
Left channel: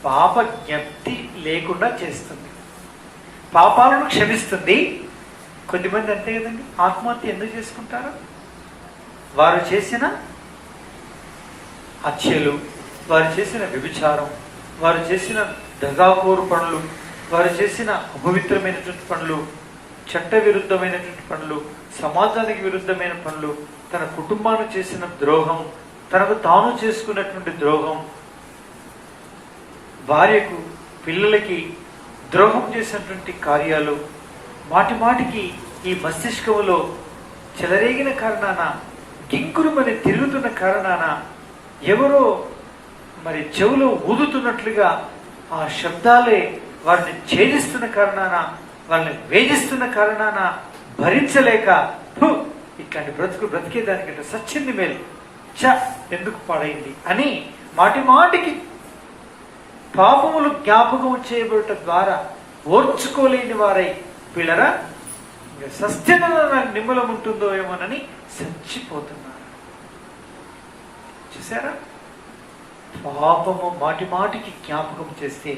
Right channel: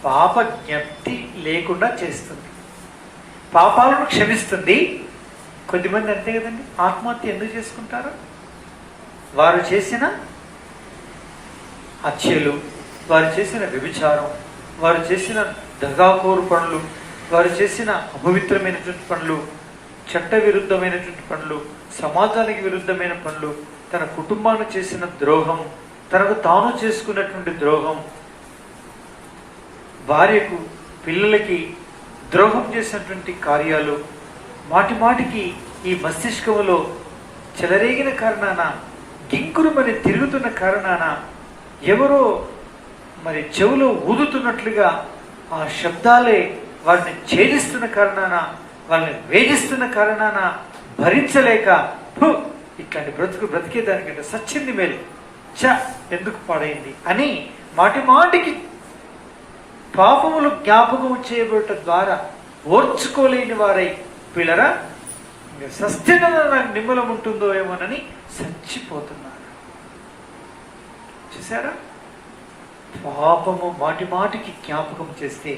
పాప జ్ఞప్తి లేకుండా చేస్తుంది, పాపాలను క్షమిస్తుంది. కొద్దిమంది అంతే కదండి, ఆత్మహత్య ఎందుకు చేసుకుంటారు? వారు చేసిన హత్యలు, వారు చేసిన వ్యభిచారం, వారు చేసిన దగాకోరు పనులు, వారు చేసిన అపవిత్రమైనటువంటి పనులు, చట్ట విరుద్ధమైనటువంటి పనులు, సమాజానికి విరుద్ధమైన పనులు, తన కుటుంబానికి చేసిన ద్రోహం, తనకు తాను చేసుకున్నటువంటి ద్రోహం, భార్యకు పిల్లలకి ద్రోహం చేసినటువంటి కార్యాలు, మాటి మాటికి ఈ మస్తిష్కములో చెలరేగిన కారణాన, గింకురుమని తిరుగుతున్న కారణాన, ఎవరో మరి చెవులో ఊదుతున్నట్లుగా ఆ శబ్దాలే వారిని ఛేదిస్తున్న కారణాన, వాళ్ళని వేధిస్తున్న కారణాన భరించలేక ఇట్లాంటి బ్రతికేదానికంటే సచ్చింది మేలు, ఎందుకు పాడైంది అని మాటి మాటికి పాపములు జ్ఞాపకం చేయబడట ద్వారా ఓర్చుకోలేని వారై పిల్లరా సస్యన నిమ్మలం ఉంటుందో ఏమోనని చచ్చిపోతున్నారు. చూసారా, పాపము మాటి మాటికి జ్ఞాపకం చేస్తే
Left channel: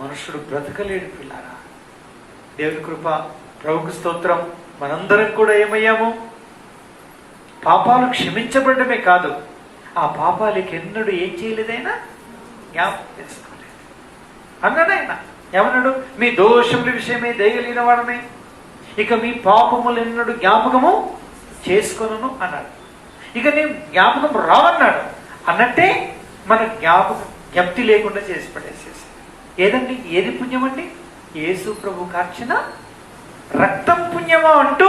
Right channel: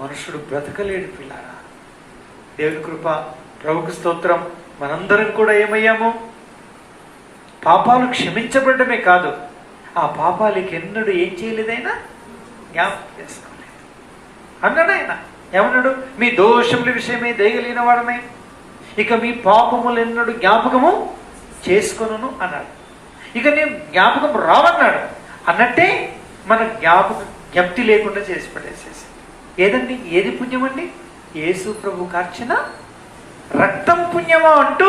మనుషుడు బ్రతకలేడు పిల్లారా. దేవుని కృప, ప్రభుకు స్తోత్రం. మనందరం కూడా ఏమయ్యాము? పాపాలు క్షమించబడమే కాదు, ఆ పాపాలకి ఎన్నడూ ఏం చేయలేదైనా జ్ఞాపకం చేసుకోలేదు అన్నాడైనా. ఏమన్నాడు? మీ దోషముల విషయమే దయగలిగిన వాడమే, ఇక మీ పాపములు ఎన్నడూ జ్ఞాపకము చేసుకున్నాను అన్నాడు. ఇక నేను జ్ఞాపకం రావన్నాడు అన్నట్టే మన జ్ఞప్తి లేకుండా చేసి పడేసేసి. ఏదండి? ఏది పుణ్యమండి? యేసు ప్రభు కార్చిన రక్తం పుణ్యమా అంటూ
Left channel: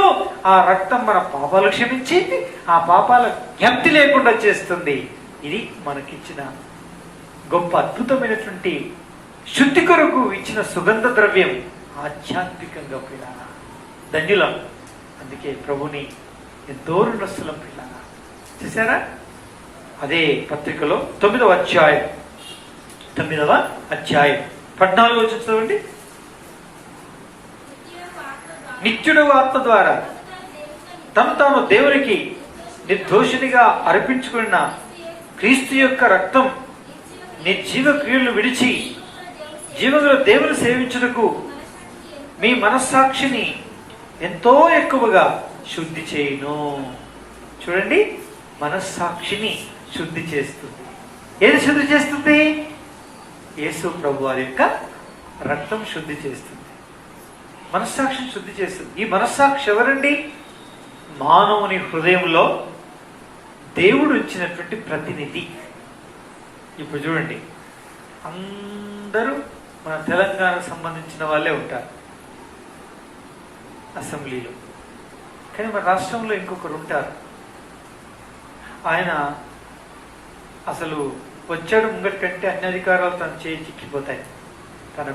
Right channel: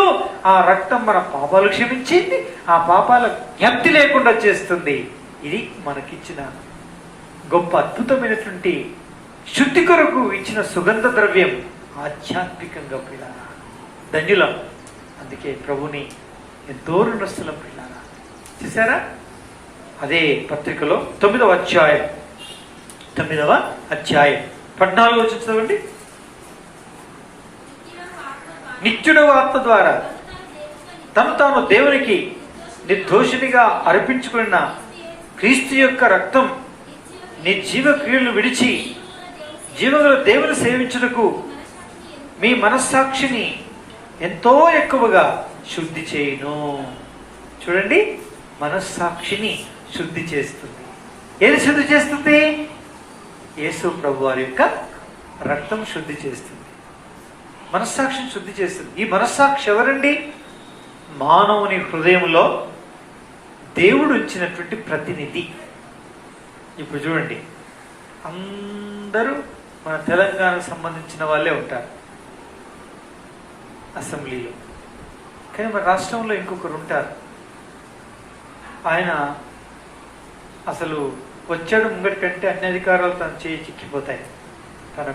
ఆ రక్తం మన పాపాలు క్షమించింది, ఆ పాపాల జ్ఞప్తి లేకుండా చేస్తుంది. ఇది మనకిచ్చిన గొప్ప అద్భుతమైనటువంటి శుద్ధి కొరకు ఇచ్చిన సుగంధ ద్రవ్యం. ఆధ్యాత్మికంగా పిల్ల ధన్యులం. అందుకే ప్రభుని ఎంతో రుణస్థులం పిల్ల. చూసారా, అదే పత్రికలో 9వ అధ్యాయం 14వ వచనం చదవండి. నిత్యుడు ఆత్మ ద్వారా తను తాను దేవునికి నిర్దోషినిగా అర్పించుకున్న క్రీస్తు యొక్క రక్తం నిర్జీవ క్రియలను విడిచి జీవములో దేవుని సేవించుటకు మీ మనస్సాక్షిని ఎంతో ఎక్కువగా శుద్ధి చేయును. చూడండి, మనస్సాక్షిని శుద్ధి చేస్తుంది. ఏది శుద్ధి చేస్తుంది? యేసు ప్రభు వారి యొక్క రక్తం శుద్ధి చేస్తుంది, మనస్సాక్షిని శుద్ధి చేస్తుంది. ఈ మనస్సాక్షి ఎవరండి? మానవుని హృదయంలో దేవుడు ఇచ్చినటువంటి ప్రతినిధి. ఇప్పుడు చూడండి, అందరూ మన తెలంగాణకు సంబంధించిన వాళ్ళే ఉంటారు అసెంబ్లీలో, కానీ మన రాష్ట్రంలో ఇంకొకరు ఉంటారు. ఆయన అసలు వచ్చాడు ముంగటి కంటే అన్ని అధికారాలు తను చేయి చిక్కిపోతాయి. తన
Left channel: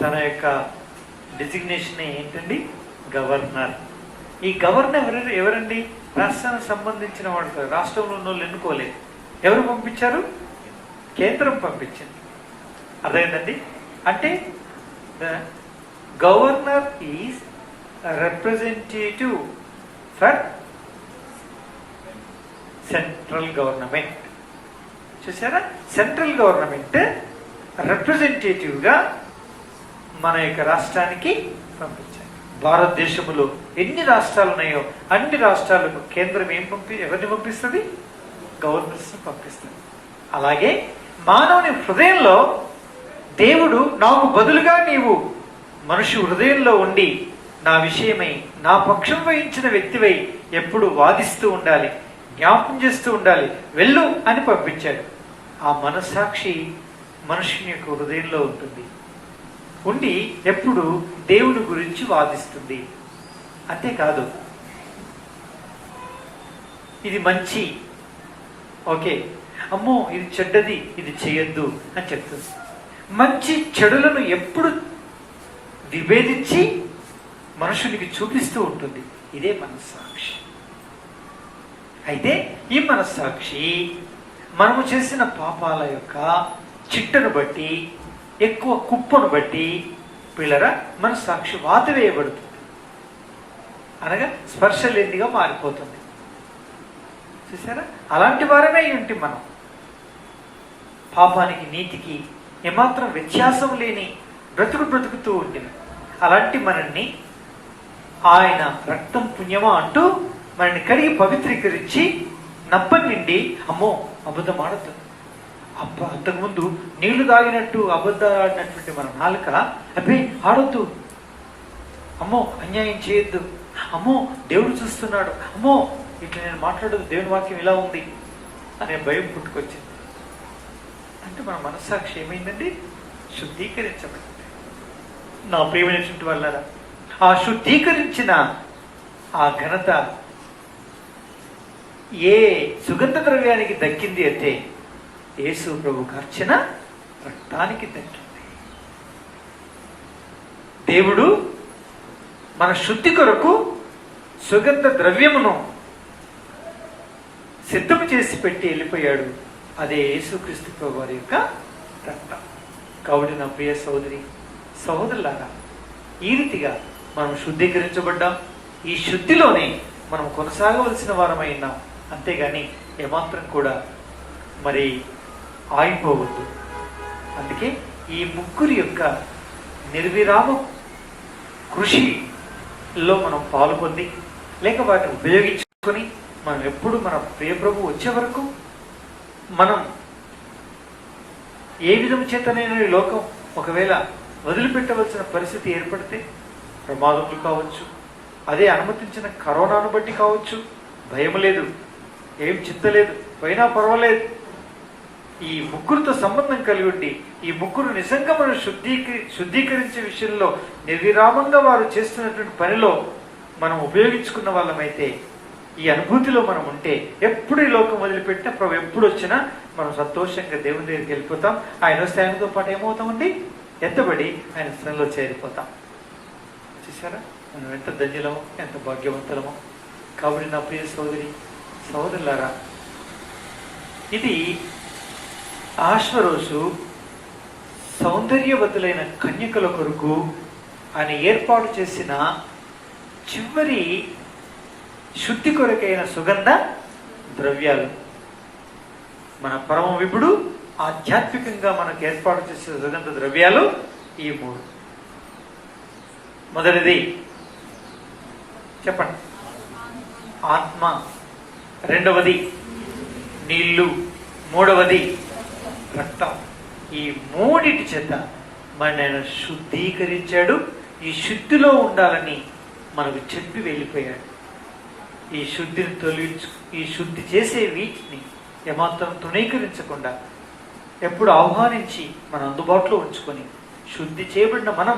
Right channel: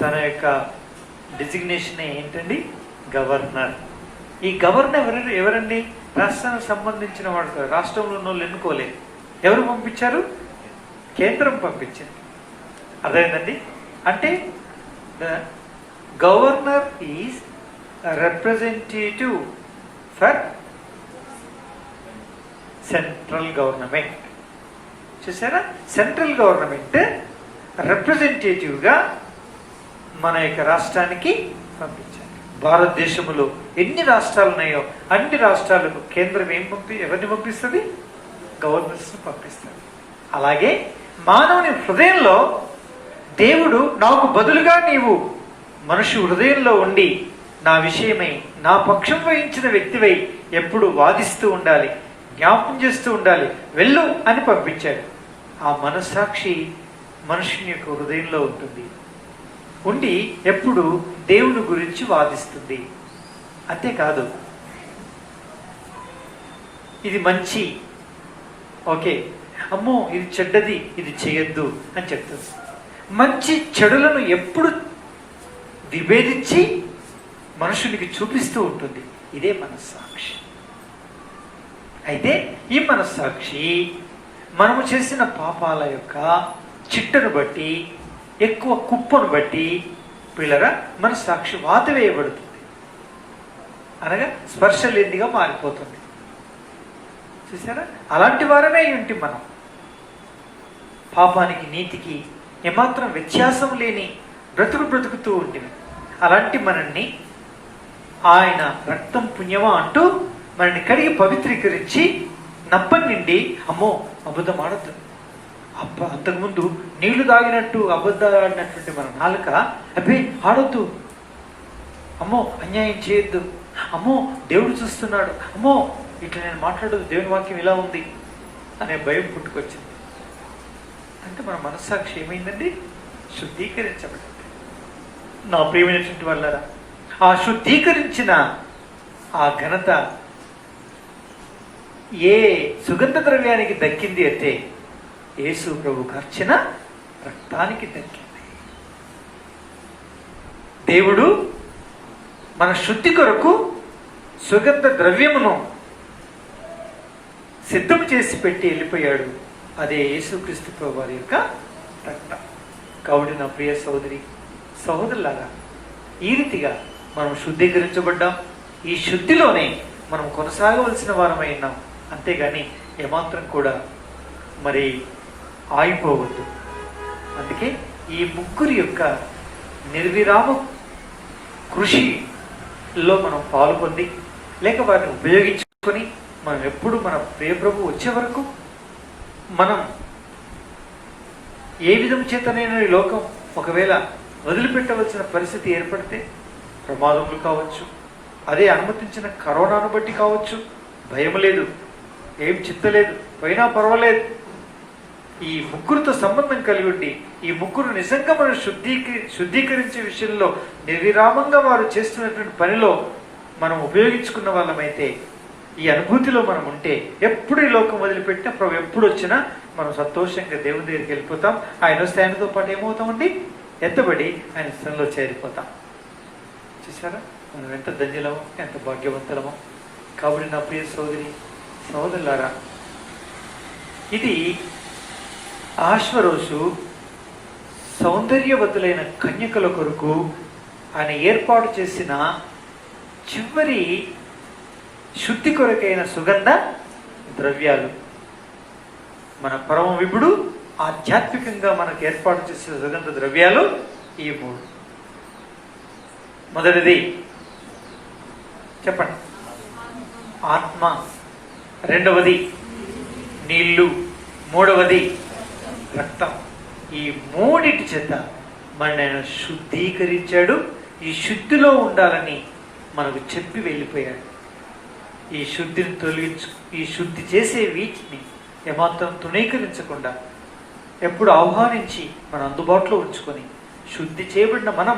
తన యొక్క డిజిగ్నేషన్ ఏంటండి? గవర్నర్. ఈ గవర్నర్ ఎవరండి? రాష్ట్రానికి సంబంధించిన వాడు కాదు. రాష్ట్రంలో ఉన్న వాళ్ళు ఎన్నుకోలేదు. ఎవరు పంపించారు? కేంద్రం పంపించింది. అర్థమైందండి? అంటే the governor is representative for central government. చూసారా? సెంట్రల్ గవర్నమెంట్ రిప్రజెంటేటివ్గా మన యొక్క రాష్ట్రానికి పంపించారు. భారతదేశంలో ఎన్ని రాష్ట్రాలు ఉన్నాయో అన్ని రాష్ట్రాలకు కేంద్రం ఎవరిని పంపిస్తుంది? గవర్నర్స్ పంపిస్తుంది. అలాగే మానవుని హృదయంలో దేవుడు నాకు బదులుగా నీవు మనిషి హృదయంలో ఉండి నా విషయమై నా పక్షం వహించిన వ్యక్తివై ఎప్పుడు వాదిస్తూ ఉండాలి, జ్ఞాపం చేస్తూ ఉండాలి, వెళ్ళు అని పంపించాడు. ఆ మనస్సాక్షి మనుషుని యొక్క హృదయంలో ఉంటుంది. ఉండి ఎప్పుడు దేవుని గురించి వాదిస్తుంది. అంతేకాదు, ఇది మంచి, ఓకే, అమ్మో ఇది చెడ్డది, ఇది చేయొద్దు అని చెప్తుంది. మంచి చెడులను ఎప్పుడు విభేదించి మనుషునికి చూపిస్తూ ఉంటుంది. ఇదే మనస్సాక్షి. అయితే ఈ మనస్సాక్షి మనము చేసిన పాపాల యొక్క చిట్టను బట్టి, ఎక్కువ కుప్పను బట్టి పిల్లరా మనస్సాక్షి వాత వేయబడుతుంది. అనగా స్పర్శ లేనిదిగా మారిపోతుంది. చూసారా? అలాంటి వారమే ఏంటి మనం. పాపానికి నీతికి ఏమాత్రం వ్యత్యాసం లేని బ్రతుకుతూ ఉంటుంది. అలాంటి మనల్ని ఆయన రక్తం పుణ్యమా అంటూ మనల్ని కడిగి పవిత్రీకరించి నప్పని నిండి, అమ్మో అబద్ధం ఆడద్దు, అంతకుముందు నీళ్లు తాగినట్టు అబద్ధాలు ఆడినటువంటి మన నాలుక, అబ్బే ఆడొద్దు, అమ్మో అన్యాయం చేయొద్దు, అమ్మో దేవుడు చూస్తున్నాడు, అమ్మో ఇట్లా నేను మాట్లాడదు, దేవుని వాక్యం ఇలా ఉంది అనే భయం పుట్టుకొచ్చింది. అంటే మన మనస్సాక్షి ఏమైందండి? శుద్ధీకరించబడింది. నా ప్రియమైనటువంటి వాళ్ళరా, ఆ శుద్ధీకరించిన ఆ ఘనత ఏ సుగంధ ద్రవ్యానికి దక్కింది అంటే యేసు ప్రభు కార్చిన రక్తానికి దక్కింది. దేవుడు మన శుద్ధి కొరకు సుగంధ ద్రవ్యమును సిద్ధం చేసి పెట్టి వెళ్ళిపోయాడు. అదే యేసుక్రీస్తు ప్రభు వారి యొక్క రక్తం. కాబట్టి నా ప్రియ సోదరి సహోదరులారా, ఈ రీతిగా మనం శుద్ధీకరించబడ్డాం. ఈ శుద్ధిలోనే మనం కొనసాగవలసిన వారమై ఉన్నాం. అంతేగాని ఏమాత్రం కూడా మరి ఆగిపోవద్దు. అందుకే ఈ ముగ్గురి యొక్క నిర్విరామ కృషిలో మనం పాల్గొంది, లేక వాటిని ఉపయోగించుకొని మనం ఎప్పుడు మన ప్రియ ప్రభు వచ్చే వరకు మనం ఏ విధం చేతనైనా ఈ లోకం ఒకవేళ వదిలిపెట్టవలసిన పరిస్థితి ఏర్పడితే, ప్రమాదములు కావచ్చు, అదే అనుమతించిన కరోనాను బట్టి కావచ్చు, భయం లేదు, ఏం చింతలేదు, పోయినా పర్వాలేదు, ఈ ముగ్గురితో సంబంధం కలిగి ఉండి ఈ ముగ్గురు నిజంగా మనం శుద్ధీకరించే విషయంలో నిర్విరామంగా వారు చేస్తున్నటువంటి పనిలో మనం ఉపయోగించుకున్న వాళ్ళమైతే, ఈ అనుభూతిలో మనం ఉంటే, ఎప్పుడు ఈ లోకం వదిలిపెట్టినా ప్రభు ఎప్పుడు వచ్చినా మనం సంతోషంగా దేవుని దగ్గరికి వెళ్ళిపోతాం. ఆయన వస్తే ఆయనతో పాటు ఏమవుతామండి? ఎత్తబడి ఆయన స్థలంలో చేరిపోతాం. చూసారా? మనం ఎంత ధన్యులమో, ఎంత భాగ్యవంతులమో. కాబట్టి నా ప్రియ సోదరి సహోదరులారా, ఇది ఆశ్వరోజు సౌందర్యవతులైన కన్యకల కొరకు ఆయన ఏర్పాటు చేసిన చివరి శుద్ధి కొరకైన సుగంధ ద్రవ్యాలు. మన పరమ విభుడు ఆధ్యాత్మికంగా మనకు ఏర్పాటు చేసిన సుగంధ ద్రవ్యాలు ఈ మూడు. మొదటిది చెప్పండి, ఆత్మ. రెండవది నీళ్లు. మూడవది రక్తం. ఈ మూడిటి చేత మన ఆయన శుద్ధీకరించాడు. ఈ శుద్ధిలో ఉండాలని మనకు చెప్పి వెళ్ళిపోయాడు. ఈ శుద్ధిని ఈ శుద్ధి చేసే వీటిని ఏమాత్రం తృణీకరించకుండా ఎప్పుడు ఆహ్వానించి మన అందుబాటులో ఉంచుకొని, శుద్ధి చేయబడిన మనం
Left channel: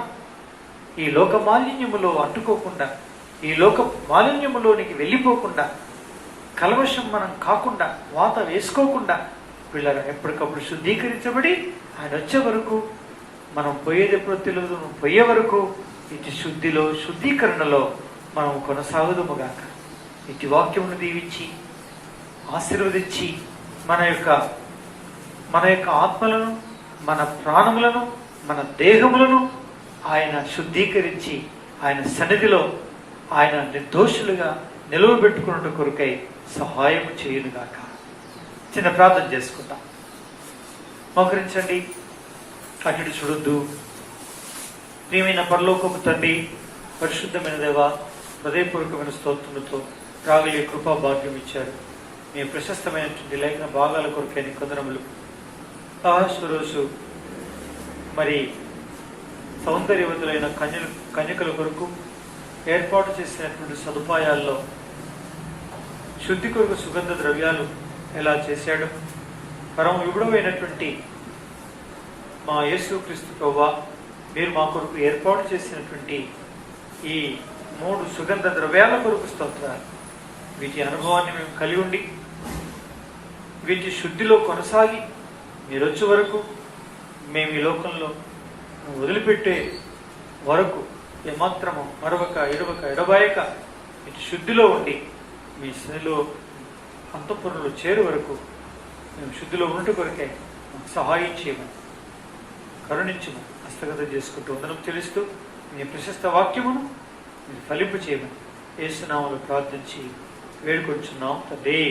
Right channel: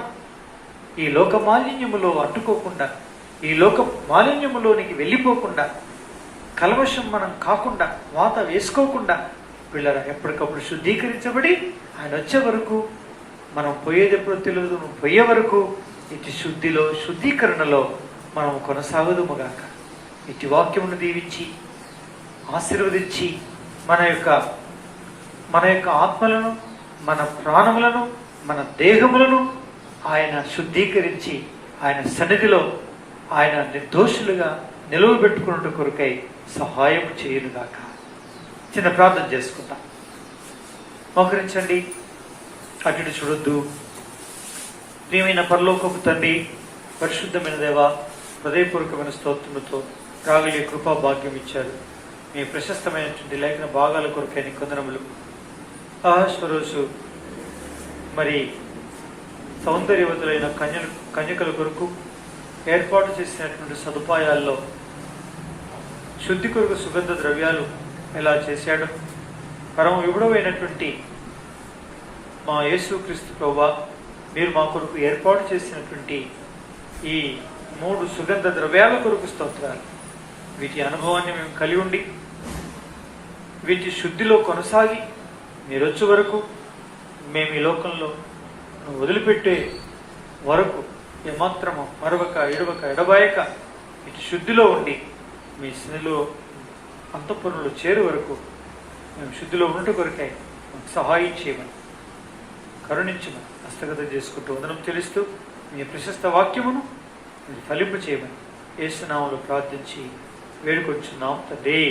ఈ లోక మాలిన్యములో అంటుకోకుండా, ఈ లోక మాలిన్యములోనికి వెళ్ళిపోకుండా, కల్మషం మనం కాకుండా, వాత వేసుకోకుండా వీళ్ళ ఎప్పటికప్పుడు శుద్ధీకరించబడి ఆయన వచ్చే వరకు మనం పోయేది ఎప్పుడో తెలియదు. నువ్వు పోయే వరకు ఇటు శుద్ధిలో, శుద్ధీకరణలో మనం కొనసాగుదుముగాక. ఇటు వాక్యమును దీవించి ఆశీర్వదించి మన యొక్క ఆత్మలను, మన ప్రాణములను, మన దేహములను ఆయన శుద్ధీకరించి ఆయన సన్నిధిలో ఆయన నిర్దోషులుగా నిలువబెట్టుకున్నట్టు కొరకై సహాయం చేయునుగాక. చిన్న ప్రార్థన చేసుకుందాం. మోకరించండి, అటు చూడొద్దు. ప్రియమైన పరలోకపు తండ్రి, పరిశుద్ధమైన దేవ, హృదయపూర్వకమైన స్తోత్రములతో రాగలిగే కృపా భాగ్యం ఇచ్చారు. మీ ప్రశస్తమైనటువంటి లేఖన భాగాల కొరకైన కొందరములు. ఆహాస్వరోజు మరి సౌందర్యవతులైన కన్యకల కొరకు ఏర్పాటు చేసినటువంటి సదుపాయాల్లో శుద్ధి కొరకు సుగంధ ద్రవ్యాలు ఎలా చేశాడు. పరమ విగుడమైనటువంటి మా యేసుక్రీస్తు ప్రభువా, మీరు మా కొరకు ఏర్పాటు చేసినటువంటి ఈ 3 సుగంధ ద్రవ్యాల కొరకు స్తోత్రాలు. వీటి అనుభవాన్ని మేము కలిగి ఉండి వీటి శుద్ధిలో కొనసాగి మీరు వచ్చే వరకు, మేము ఈ లోకంలో వదిలిపెట్టే వరకు ఏమాత్రము మరొక ఎడబాయక ఇటు శుద్ధిలో ఉండి మీ శనిలో అంతఃపురంలో చేరు వరకు మేము శుద్ధిలో ఉండే కొరకై మాకు సహాయం చేయమని, కరుణించము, హస్తగతం చేసుకుంటూ వందనం చెల్లిస్తూ మీ ప్రశస్త వాక్యమును మీరు ఫలింపు చేయమని యేసు నామములో ప్రార్థించి వేడుకొంచున్నాం తండ్రి.